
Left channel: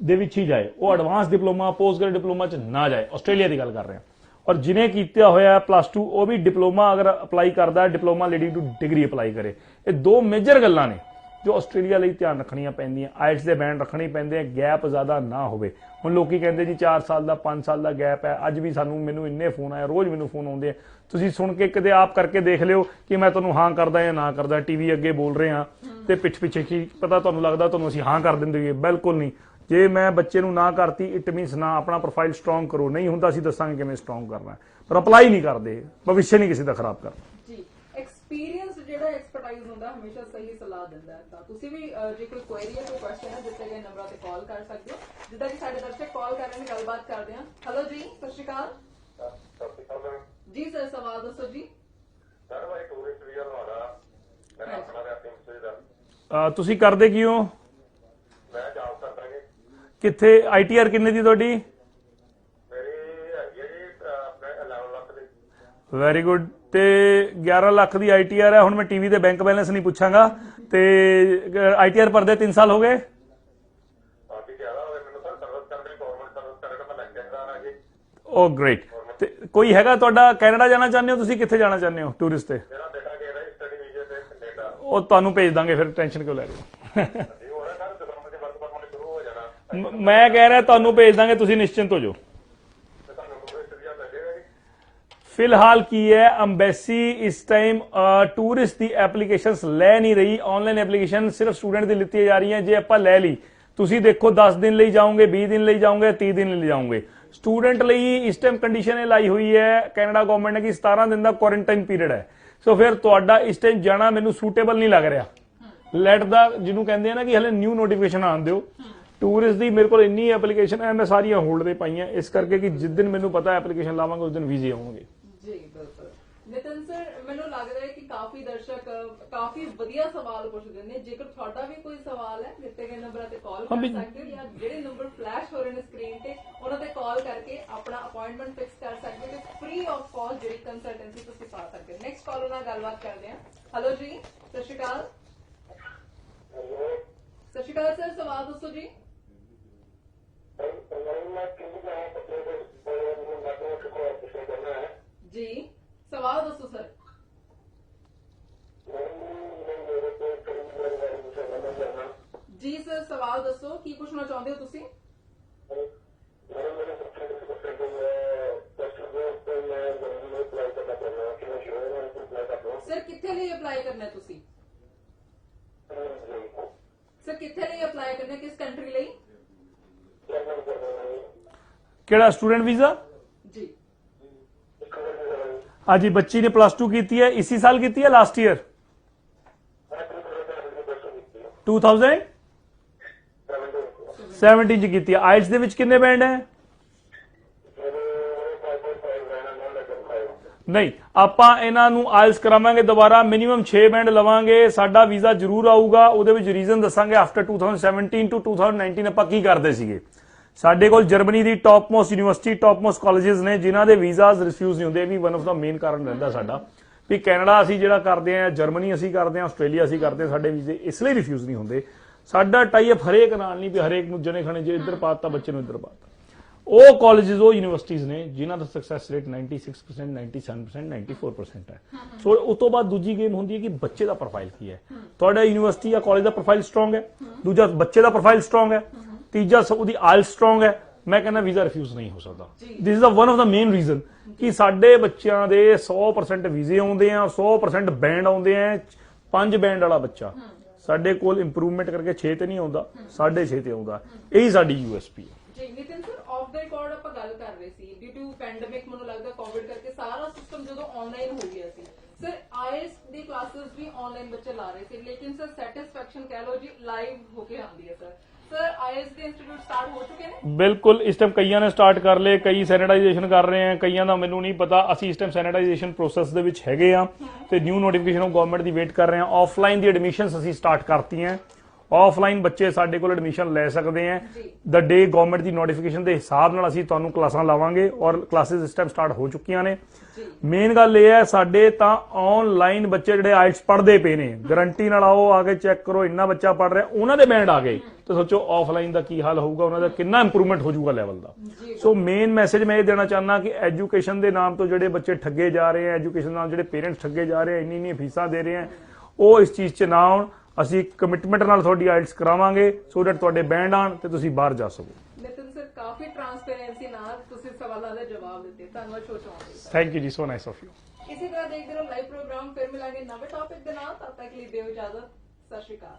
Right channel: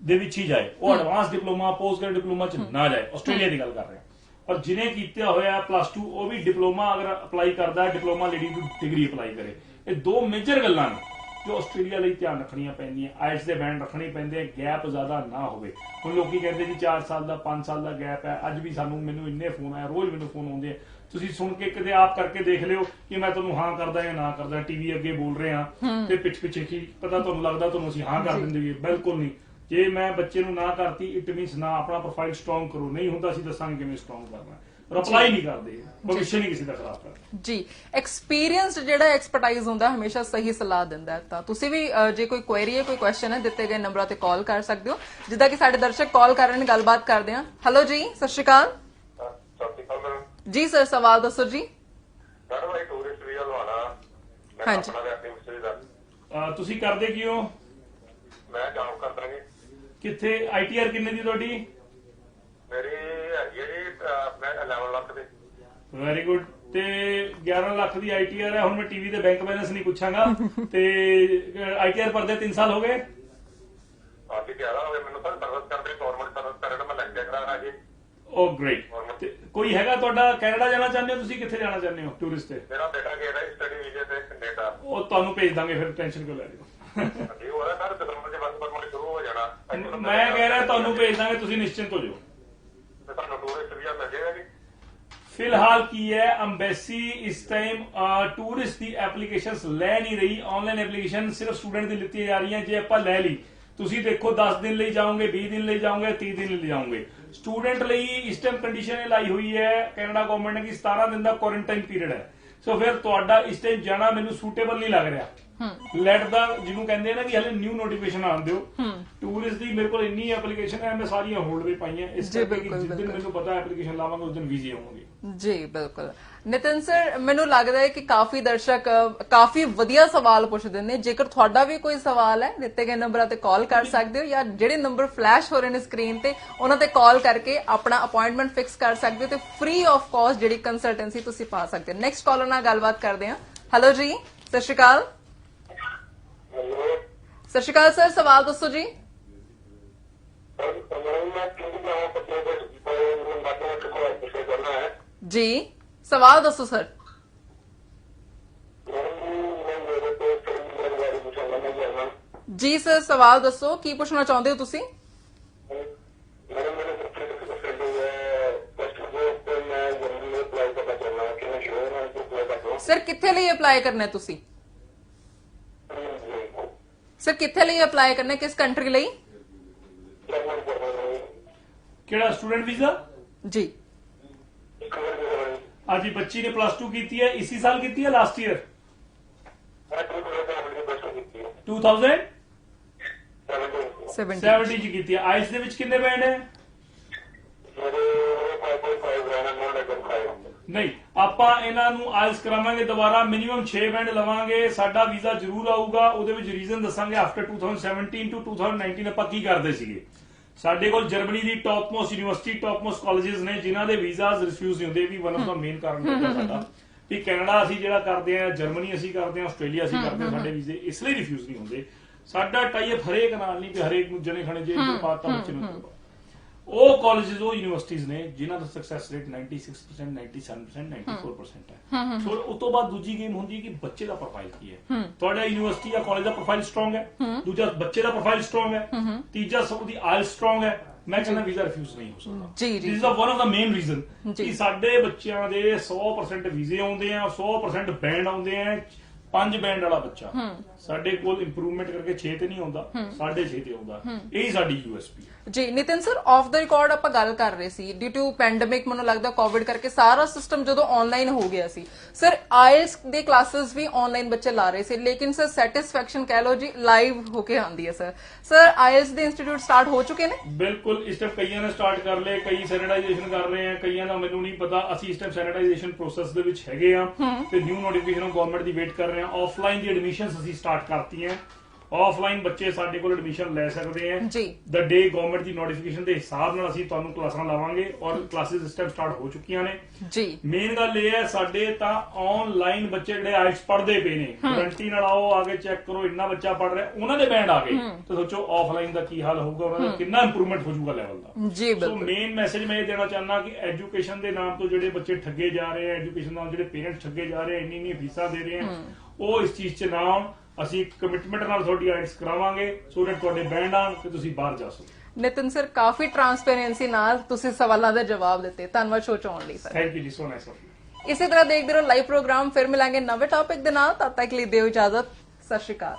ਦੇ ਵਿੱਚ ਹੀ ਜਾਏ, ਉਹ advance diploma post graduate diploma 'ਚ ਨਾ ਜਾਏ। ਆਸਟ੍ਰੇਲੀਆ ਦੀ ਗੱਲ ਕਰ ਰਹੇ ਹਾਂ। ਔਰ ਜਿਹਨੇ ਕੀਤਾ ਹੋਇਆ ਪਲੱਸ 2 ਉਹ ਵੀ ਡਿਪਲੋਮਾ ਅਗਰ ਅਪਲਾਈ ਕਰਦਾ, diploma leading to degree apply ਕਰੇ। ਇਹ ਦੋ ਮੇਜਰ ਗੱਲਾਂ ਨੇ ਜੋ ਆਸਟ੍ਰੇਲੀਆ ਲਈ ਧਿਆਨ ਰੱਖਣੀਆਂ ਪੈਂਦੀਆਂ। ਆਈਐਲਟਸ ਦੇ ਬੈਂਡ ਰੱਖਣੇ ਪੈਂਦੇ, ਗੈਪ ਜ਼ਿਆਦਾ ਨਾ ਹੋਵੇ। ਹੁਣ ਲੋਕੀ ਕਹਿੰਦੇ ਜੀ 4 ਸਾਲ ਦਾ 5 ਸਾਲ ਦਾ ਗੈਪ ਹੈ। ਅੱਜ ਵੀ ਮੈਨੂੰ ਇੰਨੇ ਫੋਨ ਆਏ, ਰੋਜ਼ ਮੈਨੂੰ ਫੋਨ ਆਉਂਦੇ ਆ। ਤੁਸੀਂ ਸੁਣ ਕੇ ਕਿਤੇ ਆਪ ਕਰਕੇ ਦੇਖ ਲਿਓ ਕਿ ਮੈਂ ਤੁਹਾਨੂੰ ਹਾਂ ਕਰਦਾ ਜਾਂ ਨਾ ਕਰਦਾ। ਟੀਵੀ ਅੱਗੇ ਬੋਲ ਰਹੇ ਹਾਂ ਤੇ ਪਿੱਛੇ ਕੀ ਪਤਾ ਤੁਹਾਨੂੰ ਲੱਗਦਾ ਤੁਹਾਨੂੰ ਅਸੀਂ ਹਾਂ ਕਰ ਦਿੰਦੇ ਹੋਈਏ। ਬਿਲਕੁਲ ਨਹੀਂ। ਜੇ ਮੈਂ ਬੱਚੇ ਨੂੰ ਨਾ ਕਰਤੀ ਇਟ ਮੀਨਸ ਨਾ ਆਪਣਾ ਪ੍ਰੋਫਾਈਲ ਸਟਰੋਂਗ ਕਰੋ। ਨਹੀਂ ਹੁੰਦਾ ਅਸੀਂ ਦੱਸਾਂਗੇ ਕਿਵੇਂ ਸਟਰੋਂਗ ਕਰਨਾ, ਪਰ ਅਪਲਾਈ ਨਹੀਂ ਕਰਦੇ, ਭਵਿੱਖ ਨਹੀਂ ਕਿਸੇ ਦਾ ਖਰਾਬ ਕਰਦੇ। ਜੀ ਐਕਸਪੀਰੀਅੰਸਡ ਜਿਹੜਾ ਐਕਸਪਰਟਾਈਜ਼ ਹੁੰਦਾ ਹਮੇਸ਼ਾ ਸਹੀ ਸਲਾਹ ਦਿੰਦਾ ਹੈ। ਤਾਂ ਤੁਸੀਂ ਵੀ ਜੇ ਕੋਈ ਕੁਐਰੀ ਹੈ, ਕੋਈ ਕੁਐਸਚਨ ਹੈ, ਦਿੱਤੇ ਗਏ ਨੰਬਰਾਂ ਤੇ ਕਾਲ ਕਰ ਸਕਦੇ ਹੋ। ਜਿੱਦਾਂ ਕਿ ਸਾਡੇ ਦਰਸ਼ਕ ਕਾਲ ਕਰ ਰਹੇ ਨੇ, ਗੱਲਬਾਤ ਕਰਦੇ ਹਾਂ। ਹੈਲੋ ਜੀ, ਸਤਿ ਸ਼੍ਰੀ ਅਕਾਲ ਜੀ। ਸਰ ਸਵਾਲ ਦੱਸੋ ਜੀ। ਹਾਂਜੀ, ਤੁਸੀਂ ਕਰਦੇ ਕੀ ਹੋ? ਮੈਂ ਜੌਬ ਕਰਦਾ ਜੀ। ਕਿੱਥੇ? ITR ਕਿੰਨੇ ਦੀ ਤੁਹਾਡੀ? ਮੇਰੀ ਹੈਗੀ ਹੈ ਜੀ ਮੈਂ 11 ਲੱਖ ਦੀ। Very good. ਤੇ 11 ਲੱਖ ਦੀ ITR ਹੈ। ਹੁਣ ਮੈਂ ਟੀਵੀ ਤੇ ਬੈਂਕ ਬੈਲੈਂਸ ਨਹੀਂ ਪੁੱਛਾਂਗਾ। ਤੇ ITR ਭਰਦੇ 3 ਸਾਲ ਹੋ ਗਏ? ਹਾਂਜੀ 11 ਹੋਵੇ। ਮੈਨੂੰ ਤਾਂ ਸਰਵਿਸ ਕਰਦੇ ਗਵਰਨਮੈਂਟ ਸਰਵਿਸ ਕਰਦੇ ਮੈਂ ਲੱਗ ਜਾਣਾ ਜੀ। ਓ ਗ੍ਰੇਟ। ਤੇ ਕੋਈ ਹੈਗਾ ਤੁਹਾਡਾ ਕੈਨੇਡਾ ਜਾਣਾ ਚਾਹੁੰਦੇ ਹੋ? ਤੁਸੀਂ ਕਿੱਥੇ ਜਾਣਾ ਚਾਹੁੰਦੇ ਹੋ ਟੂਰਿਸਟ ਤੇ? ਮੇਰਾ ਬੇਟਾ ਗਿਆ ਹੈ ਸਟੱਡੀ ਵੀਜ਼ੇ ਤੇ ਕੈਨੇਡਾ। ਉਹ ਤੁਹਾਨੂੰ ਭੇਜ ਦਾਂਗੇ, ਫਿਰ ਟੈਨਸ਼ਨ ਕਿਉਂ ਲੈ ਰਹੇ ਹੋ? ਜੀ ਉਹ ਹੈ ਸਰ ਦਸੰਬਰ ਦੇ ਬਾਅਦ ਪਰਮਿਟ ਸ਼ੁਰੂ ਹੋ ਜਾਣਾ। ਮੈਂ ਕਹਿ ਰਿਹਾ ਤੁਹਾਨੂੰ ਭੇਜ ਦਾਂਗੇ, ਤੁਸੀਂ ਨਿਸ਼ਚਿੰਤ ਹੋ ਜਾਓ। ਤੁਹਾਨੂੰ ਟੂਰਿਸਟ ਵੀਜ਼ਾ ਮਿਲ ਜਾਏਗਾ ਜੀ। ਫਿਲਹਾਲ ਕੀ ਹੈ, ਅੰਬੈਸੀ ਇਸ ਟਾਈਮ ਟੂਰਿਸਟ ਦੀ ਐਪਲੀਕੇਸ਼ਨਸ ਲੈ ਨਹੀਂ ਰਹੀ। ਆਨਲਾਈਨ ਐਪਲੀਕੇਸ਼ਨ ਸਿਰਫ ਸਟੂਡੈਂਟ ਦੀ ਲਿੱਤੀ ਜਾ ਰਹੀ ਹੈ। ਜੇ ਆਪਾਂ ਲੈ ਲਈ, ਤੁਸੀਂ ਦੇਖੋ 10 ਦਿਨ ਲਈ ਜਾਓਗੇ, 20 ਦਿਨ ਲਈ ਜਾਓਗੇ, 30 ਦਿਨ ਲਈ ਜਾਓਗੇ। ਸਟੂਡੈਂਟ ਲਈ ਇਸ ਟਾਈਮ ਕੰਡੀਸ਼ਨ ਇਹ ਲਾਈ ਹੋਈ ਹੈ ਕੈਨੇਡਾ ਗਵਰਨਮੈਂਟ ਨੇ ਕਿ 17 ਦਿਨ ਦਾ ਕੁਆਰੰਟਾਈਨ ਪੀਰੀਅਡ ਹੈ। ਸੋ ਫਿਰ ਤੁਹਾਡਾ ਇਸ ਟਾਈਮ ਜਾਣਾ ਮੈਨੂੰ ਸੂਟੇਬਲ ਨਹੀਂ ਲੱਗ ਰਿਹਾ। ਲੈਟ ਦਾ ਜਿਹਨੂੰ ਕਹਿੰਦੇ ਆ ਨਾ ਕਿ ਹਲੇ ਨਿਊ ਨੋਟੀਫਿਕੇਸ਼ਨ ਆਉਣ ਦਿਓ। ਟੂਰਿਸਟ ਦੀ ਮੇਰੇ ਕੋਲ ਇੰਨੀ ਐਪਲੀਕੇਸ਼ਨ ਹੈ, ਮੈਂ ਸਾਰੀਆਂ ਹੋਲਡ ਤੇ ਪਾਈਆਂ, ਇਸ ਕਰਕੇ ਕਿ ਜਿਸ ਦਿਨ ਮੈਨੂੰ ਪਤਾ ਐਪਲੀਕੇਸ਼ਨ ਲਾਵਾਂਗੇ ਉਸ ਦਿਨ ਵੀਜ਼ੇ ਆਉਣਗੇ। ਜੀ ਬਿਲਕੁਲ। ਨਿਤਿਨ ਸਰ, ਮੈਨੂੰ ਲੱਗਦਾ ਹੈ ਕਿ ਕਾਫੀ ਦਰਸ਼ਕ ਕਾਫੀ ਵਧੀਆ ਸਵਾਲ ਪੁੱਛਦੇ ਨੇ। ਜੇਕਰ ਤੁਹਾਡਾ ਵੀ ਕੋਈ ਸਵਾਲ ਹੈ, ਦਿੱਤੇ ਗਏ ਨੰਬਰਾਂ ਤੇ ਕਾਲ ਕਰ ਸਕਦੇ ਹੋ, ਜਾਂ ਜਿਹੜੇ ਨੰਬਰ ਫਲੈਸ਼ ਹੋ ਰਹੇ ਨੇ ਸਕਰੀਨ ਤੇ ਉਹਨਾਂ ਤੇ ਕਾਲ ਕਰਕੇ ਆਪਣਾ ਅਪਾਇੰਟਮੈਂਟ ਫਿਕਸ ਕਰ ਸਕਦੇ ਹੋ ਤੇ ਫ੍ਰੀ ਆਫ ਕਾਸਟ ਜਿਹੜੀ ਕੰਸਲਟੈਂਸੀ ਤੁਸੀਂ ਪਾ ਸਕਦੇ ਹੋ। ਨੈਕਸਟ ਕਾਲਰ ਨਾਲ ਗੱਲਬਾਤ ਕਰਦੇ ਹਾਂ। ਹੈਲੋ ਜੀ, ਸਤਿ ਸ਼੍ਰੀ ਅਕਾਲ। ਸਤਿ ਸ਼੍ਰੀ ਅਕਾਲ ਸਰ, ਸਵਾਲ ਦੱਸੋ ਜੀ। ਜੀ ਸਵਾਲ ਦੱਸੋ ਸਰ। ਜੀ ਸਰ, ਸਵਾਲ ਦੱਸੋ, ਕੀ ਪੁੱਛਣਾ ਚਾਹੁੰਦੇ ਹੋ ਤੁਸੀਂ? ਸਰ ਕਿੱਥੇ ਲਈ ਅਪਲਾਈ ਕਰਨਾ ਹੈ ਤੁਸੀਂ? ਸਰ ਕਿੱਥੇ ਲਈ ਅਪਲਾਈ ਕਰਨਾ ਹੈ, ਕਿਸ ਕੰਟਰੀ ਲਈ? ਕਿਹੜਾ ਸਟੂਡੈਂਟ ਵੀਜ਼ਾ? ਜੀ ਹਾਂਜੀ, ਬੱਚੀ ਨੇ ਪਲੱਸ 2 ਕੀਤੀ ਹੈ, ਇसी ਸਾਲ ਕੀਤੀ ਹੈ ਲਾਸਟ ਈਅਰ 2070 ਚ ਕੀਤੀ ਹੈ। ਆਇਲਟਸ ਦੇ ਵਿੱਚ ਕਿੰਨੇ ਬੈਂਡ ਹੈ? ਨਹੀਂ, ਆਪਾਂ ਇਹਨਾਂ ਨੂੰ ਆਇਲਸ ਕਰਾਵਾਂਗੇ ਦੁਬਾਰਾ, ਮਿਨੀਮਮ 6 ਬੈਂਡ ਲਵਾਂਗੇ। ਸਾਡਾ ਵੀਜ਼ਾ ਜ਼ਰੂਰ ਆਊਗਾ, ਉਹਦੇ ਵਿੱਚ ਰੀਜ਼ਨ ਦੱਸਾਂਗੇ। ਆਫਟਰ 2017 ਟੂ 2019 ਆਪਾਂ ਕੀ ਕਰਦੇ ਸੀਗੇ। ਸਾਡੇ ਕੋਲ ਜਰਮਨੀ ਦੀ top most university, top most colleges ਨੇ ਜਿਨ੍ਹਾਂ ਦੇ ਵੀਜ਼ਾਸ ਰਿਫਿਊਜ਼ ਨਹੀਂ ਹੁੰਦੇ। ਇਹ ਵੀ ਵਨ ਆਫ ਦਾ ਮੇਨ ਕਾਰਨ ਰਹਿੰਦਾ ਸਾਡਾ ਵੀ ਕੈਨੇਡਾ ਅਸੀਂ ਜਿਹੜਾ ਕਰਦੇ ਆ, ਜਰਮਨੀ ਅਸੀਂ ਕਰਦੇ ਆ, ਆਸਟ੍ਰੇਲੀਆ ਅਸੀਂ ਕਰਦੇ ਆ, ਸਾਡੇ ਵੀਜ਼ੇ ਇਸ ਲਈ ਰਿਫਿਊਜ਼ ਨਹੀਂ ਹੁੰਦੇ। ਸਾਡਾ ਟਾਈ ਅਪ ਹਰੇਕ ਨਾਲ ਨਹੀਂ ਵੀ ਹਰੇਕ ਨੂੰ ਜਣੇ ਖਣੇ ਜੇ ਇੱਧਰ ਪਾਤਾ ਬੱਚੇ ਨੂੰ ਇੱਧਰ ਪਾਤਾ। ਉਹ ਕਾਲਜਸ, ਉਹ ਯੂਨੀਵਰਸਿਟੀਜ਼ ਨੇ ਜਿਨ੍ਹਾਂ ਦਾ ਸਕਸੈਸ ਰੇਟ 96%, 97%, 94% ਹੈ। ਸੋ ਉਸ ਤੋਂ ਬਾਅਦ ਦੂਜੀ ਗੇਮ ਹੁੰਦੀ ਹੈ ਕਿ ਬੱਚੇ ਦਾ ਪ੍ਰੋਫਾਈਲ ਕੀ ਹੈ। ਤੁਹਾਡਾ ਯੂਨੀਵਰਸਿਟੀ ਜਾਂ ਕਾਲਜ ਦਾ ਪ੍ਰੋਫਾਈਲ ਸਟਰੋਂਗ ਹੈ, ਦੂਜਾ ਬੱਚੇ ਦਾ ਪ੍ਰੋਫਾਈਲ ਸਟਰੋਂਗ ਹੈ, ਤੀਜਾ ਉਹਦੀ ਆਇਲਸ ਸਟਰੋਂਗ ਹੈ, ਮੈਂ ਕਹਿੰਦਾ ਵੀਜ਼ਾ ਰਿਫਿਊਜ਼ ਨਹੀਂ ਹੋ ਸਕਦਾ। ਜੀ, ਜੀ। This is one of the main reason ਕਿ ਸਾਡੇ ਬੱਚਿਆਂ ਦੇ 100% ਵੀਜ਼ੇ ਆਉਂਦੇ ਆ, 100% ਬੈਂਡ ਆਉਂਦੇ ਆ। 5 ਬੈਂਡ ਵਾਲਾ ਬੱਚਾ ਸਾਡੇ ਕੋਲ ਇੰਪਰੂਵਮੈਂਟ ਕਰਕੇ 6 ਤੇ ਨਹੀਂ ਆਉਂਦਾ, 6.5 ਤੇ ਆਉਂਦਾ। ਇਹੀ ਸਾਡੀ ਯੂਐਸਪੀ ਹੈ। ਜੀ Nitin sir, of the record ਆਪਾਂ ਗੱਲ ਕਰ ਰਹੇ ਸੀ ਡਿਊ ਟੂ ਪੈਂਡੇਮਿਕ, ਮੈਨੂੰ ਲੱਗਦਾ ਕੋਵਿਡ ਕਰਕੇ ਸਾਰਾ ਸਿਸਟਮ ਜਦੋਂ ਆਨਲਾਈਨ ਹੋ ਗਿਆ ਸੀ ਸਰ, ਆਇਲਸ ਦੇ ਕਲਾसेस ਵੀ ਆਨਲਾਈਨ ਬੱਚੇ ਲਾ ਰਹੇ ਸੀ, ਲੇਕਿਨ ਸਰ ਸੈਟੀਸਫੈਕਸ਼ਨ ਕਹਿ ਲਓ ਜੀ ਲਾਈਵ ਹੋ ਕੇ ਆਉਂਦੀ ਹੈ ਸਰ ਆਇਲਸ ਦੇ ਇੰਸਟੀਚਿਊਟ ਸਟਾਰਟ ਹੋ ਚੁੱਕੇ ਨੇ? ਬਿਲਕੁਲ, ਇਸ ਟਾਈਮ ਕਈਆਂ ਨੇ ਸਟਾਰਟ ਕਰ ਲਏ, ਕਈ ਸੈਨੀਟਾਈਜੇਸ਼ਨ ਕਰ ਰਹੇ ਆ, ਕਈਆਂ ਦਾ ਮੈਨੂੰ ਨਹੀਂ ਪਤਾ। ਅਸੀਂ ਇਸ ਟਾਈਮ ਸੈਨੀਟਾਈਜੇਸ਼ਨ ਪ੍ਰੋਸੈਸ ਦੇ ਵਿੱਚ ਹੈਗੇ ਆ ਤੇ new notification of government the wait ਕਰ ਰਹੇ ਆ। ਆਫਲਾਈਨ ਦੀ ਐਡਮਿਸ਼ਨਸ ਅਸੀਂ ਸਟਾਰਟ ਕਰਤੀਆਂ। ਆਫਲਾਈਨ ਬੱਚੇ ਸਾਡੇ ਕੋਲ ਐਡਮਿਸ਼ਨ ਲੈ ਸਕਦੇ ਆ ਜੀ। ਦ ਡੇ ਗਵਰਨਮੈਂਟ ਦੀ ਨੋਟੀਫਿਕੇਸ਼ਨ ਦੇ ਹਿਸਾਬ ਨਾਲ ਅਸੀਂ ਤੁਹਾਨੂੰ ਕਲਾਸਾਂ ਲਾਵਾਂਗੇ ਔਰ ਕਲਾਸਿਸ ਇਸ ਟਾਈਮ ਸਟਾਰਟ ਹੋ ਚੁੱਕੀਆਂ ਨੇ ਜੀ। ਮੇਨ ਗੱਲ ਇਹ ਹੈ, ਸਾਡੇ ਤਾਂ ਆਨਲਾਈਨ ਬੱਚੇ ਜਿਹੜੇ ਆਇਲਸ ਪੜ੍ਹਦੇ ਪਏ ਨੇ, ਗਾਰੰਟੀ ਨਾਲ ਆਓ, ਆ ਕੇ ਚੈੱਕ ਕਰੋ, ਇੰਨਾ ਬੱਚਾ ਪੜ੍ਹ ਰਿਹਾ, ਉਹਨਾਂ ਦੇ ਬੈਂਡ ਆ ਗਏ ਤੇ ਸੋਚੋ ਆਫਲਾਈਨ ਦਾ ਕੀ ਹਾਲ ਹੋਊਗਾ, ਉਹਨਾਂ ਦਾ ਕਿੰਨਾ ਇੰਪਰੂਵਮੈਂਟ ਹੋ ਜਾਊਗਾ ਲੈਵਲ ਦਾ। ਜੀ ਸੋ ਮੇਨ ਮੈਸੇਜ ਮੈਂ ਇਹ ਦੇਣਾ ਚਾਹੁੰਦਾ ਕਿ ਐਜੂਕੇਸ਼ਨ ਦੇ ਨਾਮ ਤੋਂ ਜਿਹੜੇ ਬੱਚੇ ਠੱਗੇ ਜਾ ਰਹੇ ਆ, ਐਜੂਕੇਸ਼ਨ ਨਾਲ ਜਿਹੜੇ ਪੇਰੈਂਟਸ ਠੱਗੇ ਜਾ ਰਹੇ ਆ, ਇੰਨੀ ਫੀਸਾਂ ਦੇ ਰਹੇ ਆ, ਉਹ ਇਸ ਚੀਜ਼ 'ਚ ਨਾ ਆਉਣ। ਅਸੀਂ ਕਮਿਟਮੈਂਟ ਨਾਲ ਤੁਹਾਡੀ ਆਇਲਸ ਕਰਾਵਾਂਗੇ ਸੋ ਦੈਟ ਤੁਹਾਡੇ ਬੈਂਡ ਆਣ ਤੇ ਤੁਸੀਂ ਬਾਹਰ ਜਾ ਸਕੋ। ਨਿਤਿਨ ਸਰ, ਕਾਫੀ ਟਰਾਂਸਪੇਰੈਂਸੀ ਨਾਲ ਤੁਸੀਂ ਸਵਾਲਾਂ ਦੇ ਜਵਾਬ ਦਿੱਤੇ, ਧੰਨਵਾਦ ਸ਼ੋਅ 'ਚ ਆਉਣ ਲਈ ਸਰ। ਥੈਂਕ ਯੂ ਜੀ, ਸੋ ਨਾਈਸ ਆਫ ਯੂ। ਇਸੇ ਤਰ੍ਹਾਂ ਦੇਖਦੇ ਰਹੋ ਲਾਈਵ ਪ੍ਰੋਗਰਾਮ, ਫਿਰ ਮਿਲਾਂਗੇ ਨਵੇਂ ਟੌਪਿਕ ਦੇ ਨਾਲ। ਤਦ ਤੱਕ ਲਈ ਦਿਓ ਇਜਾਜ਼ਤ, ਸਤਿ ਸ਼੍ਰੀ ਅਕਾਲ।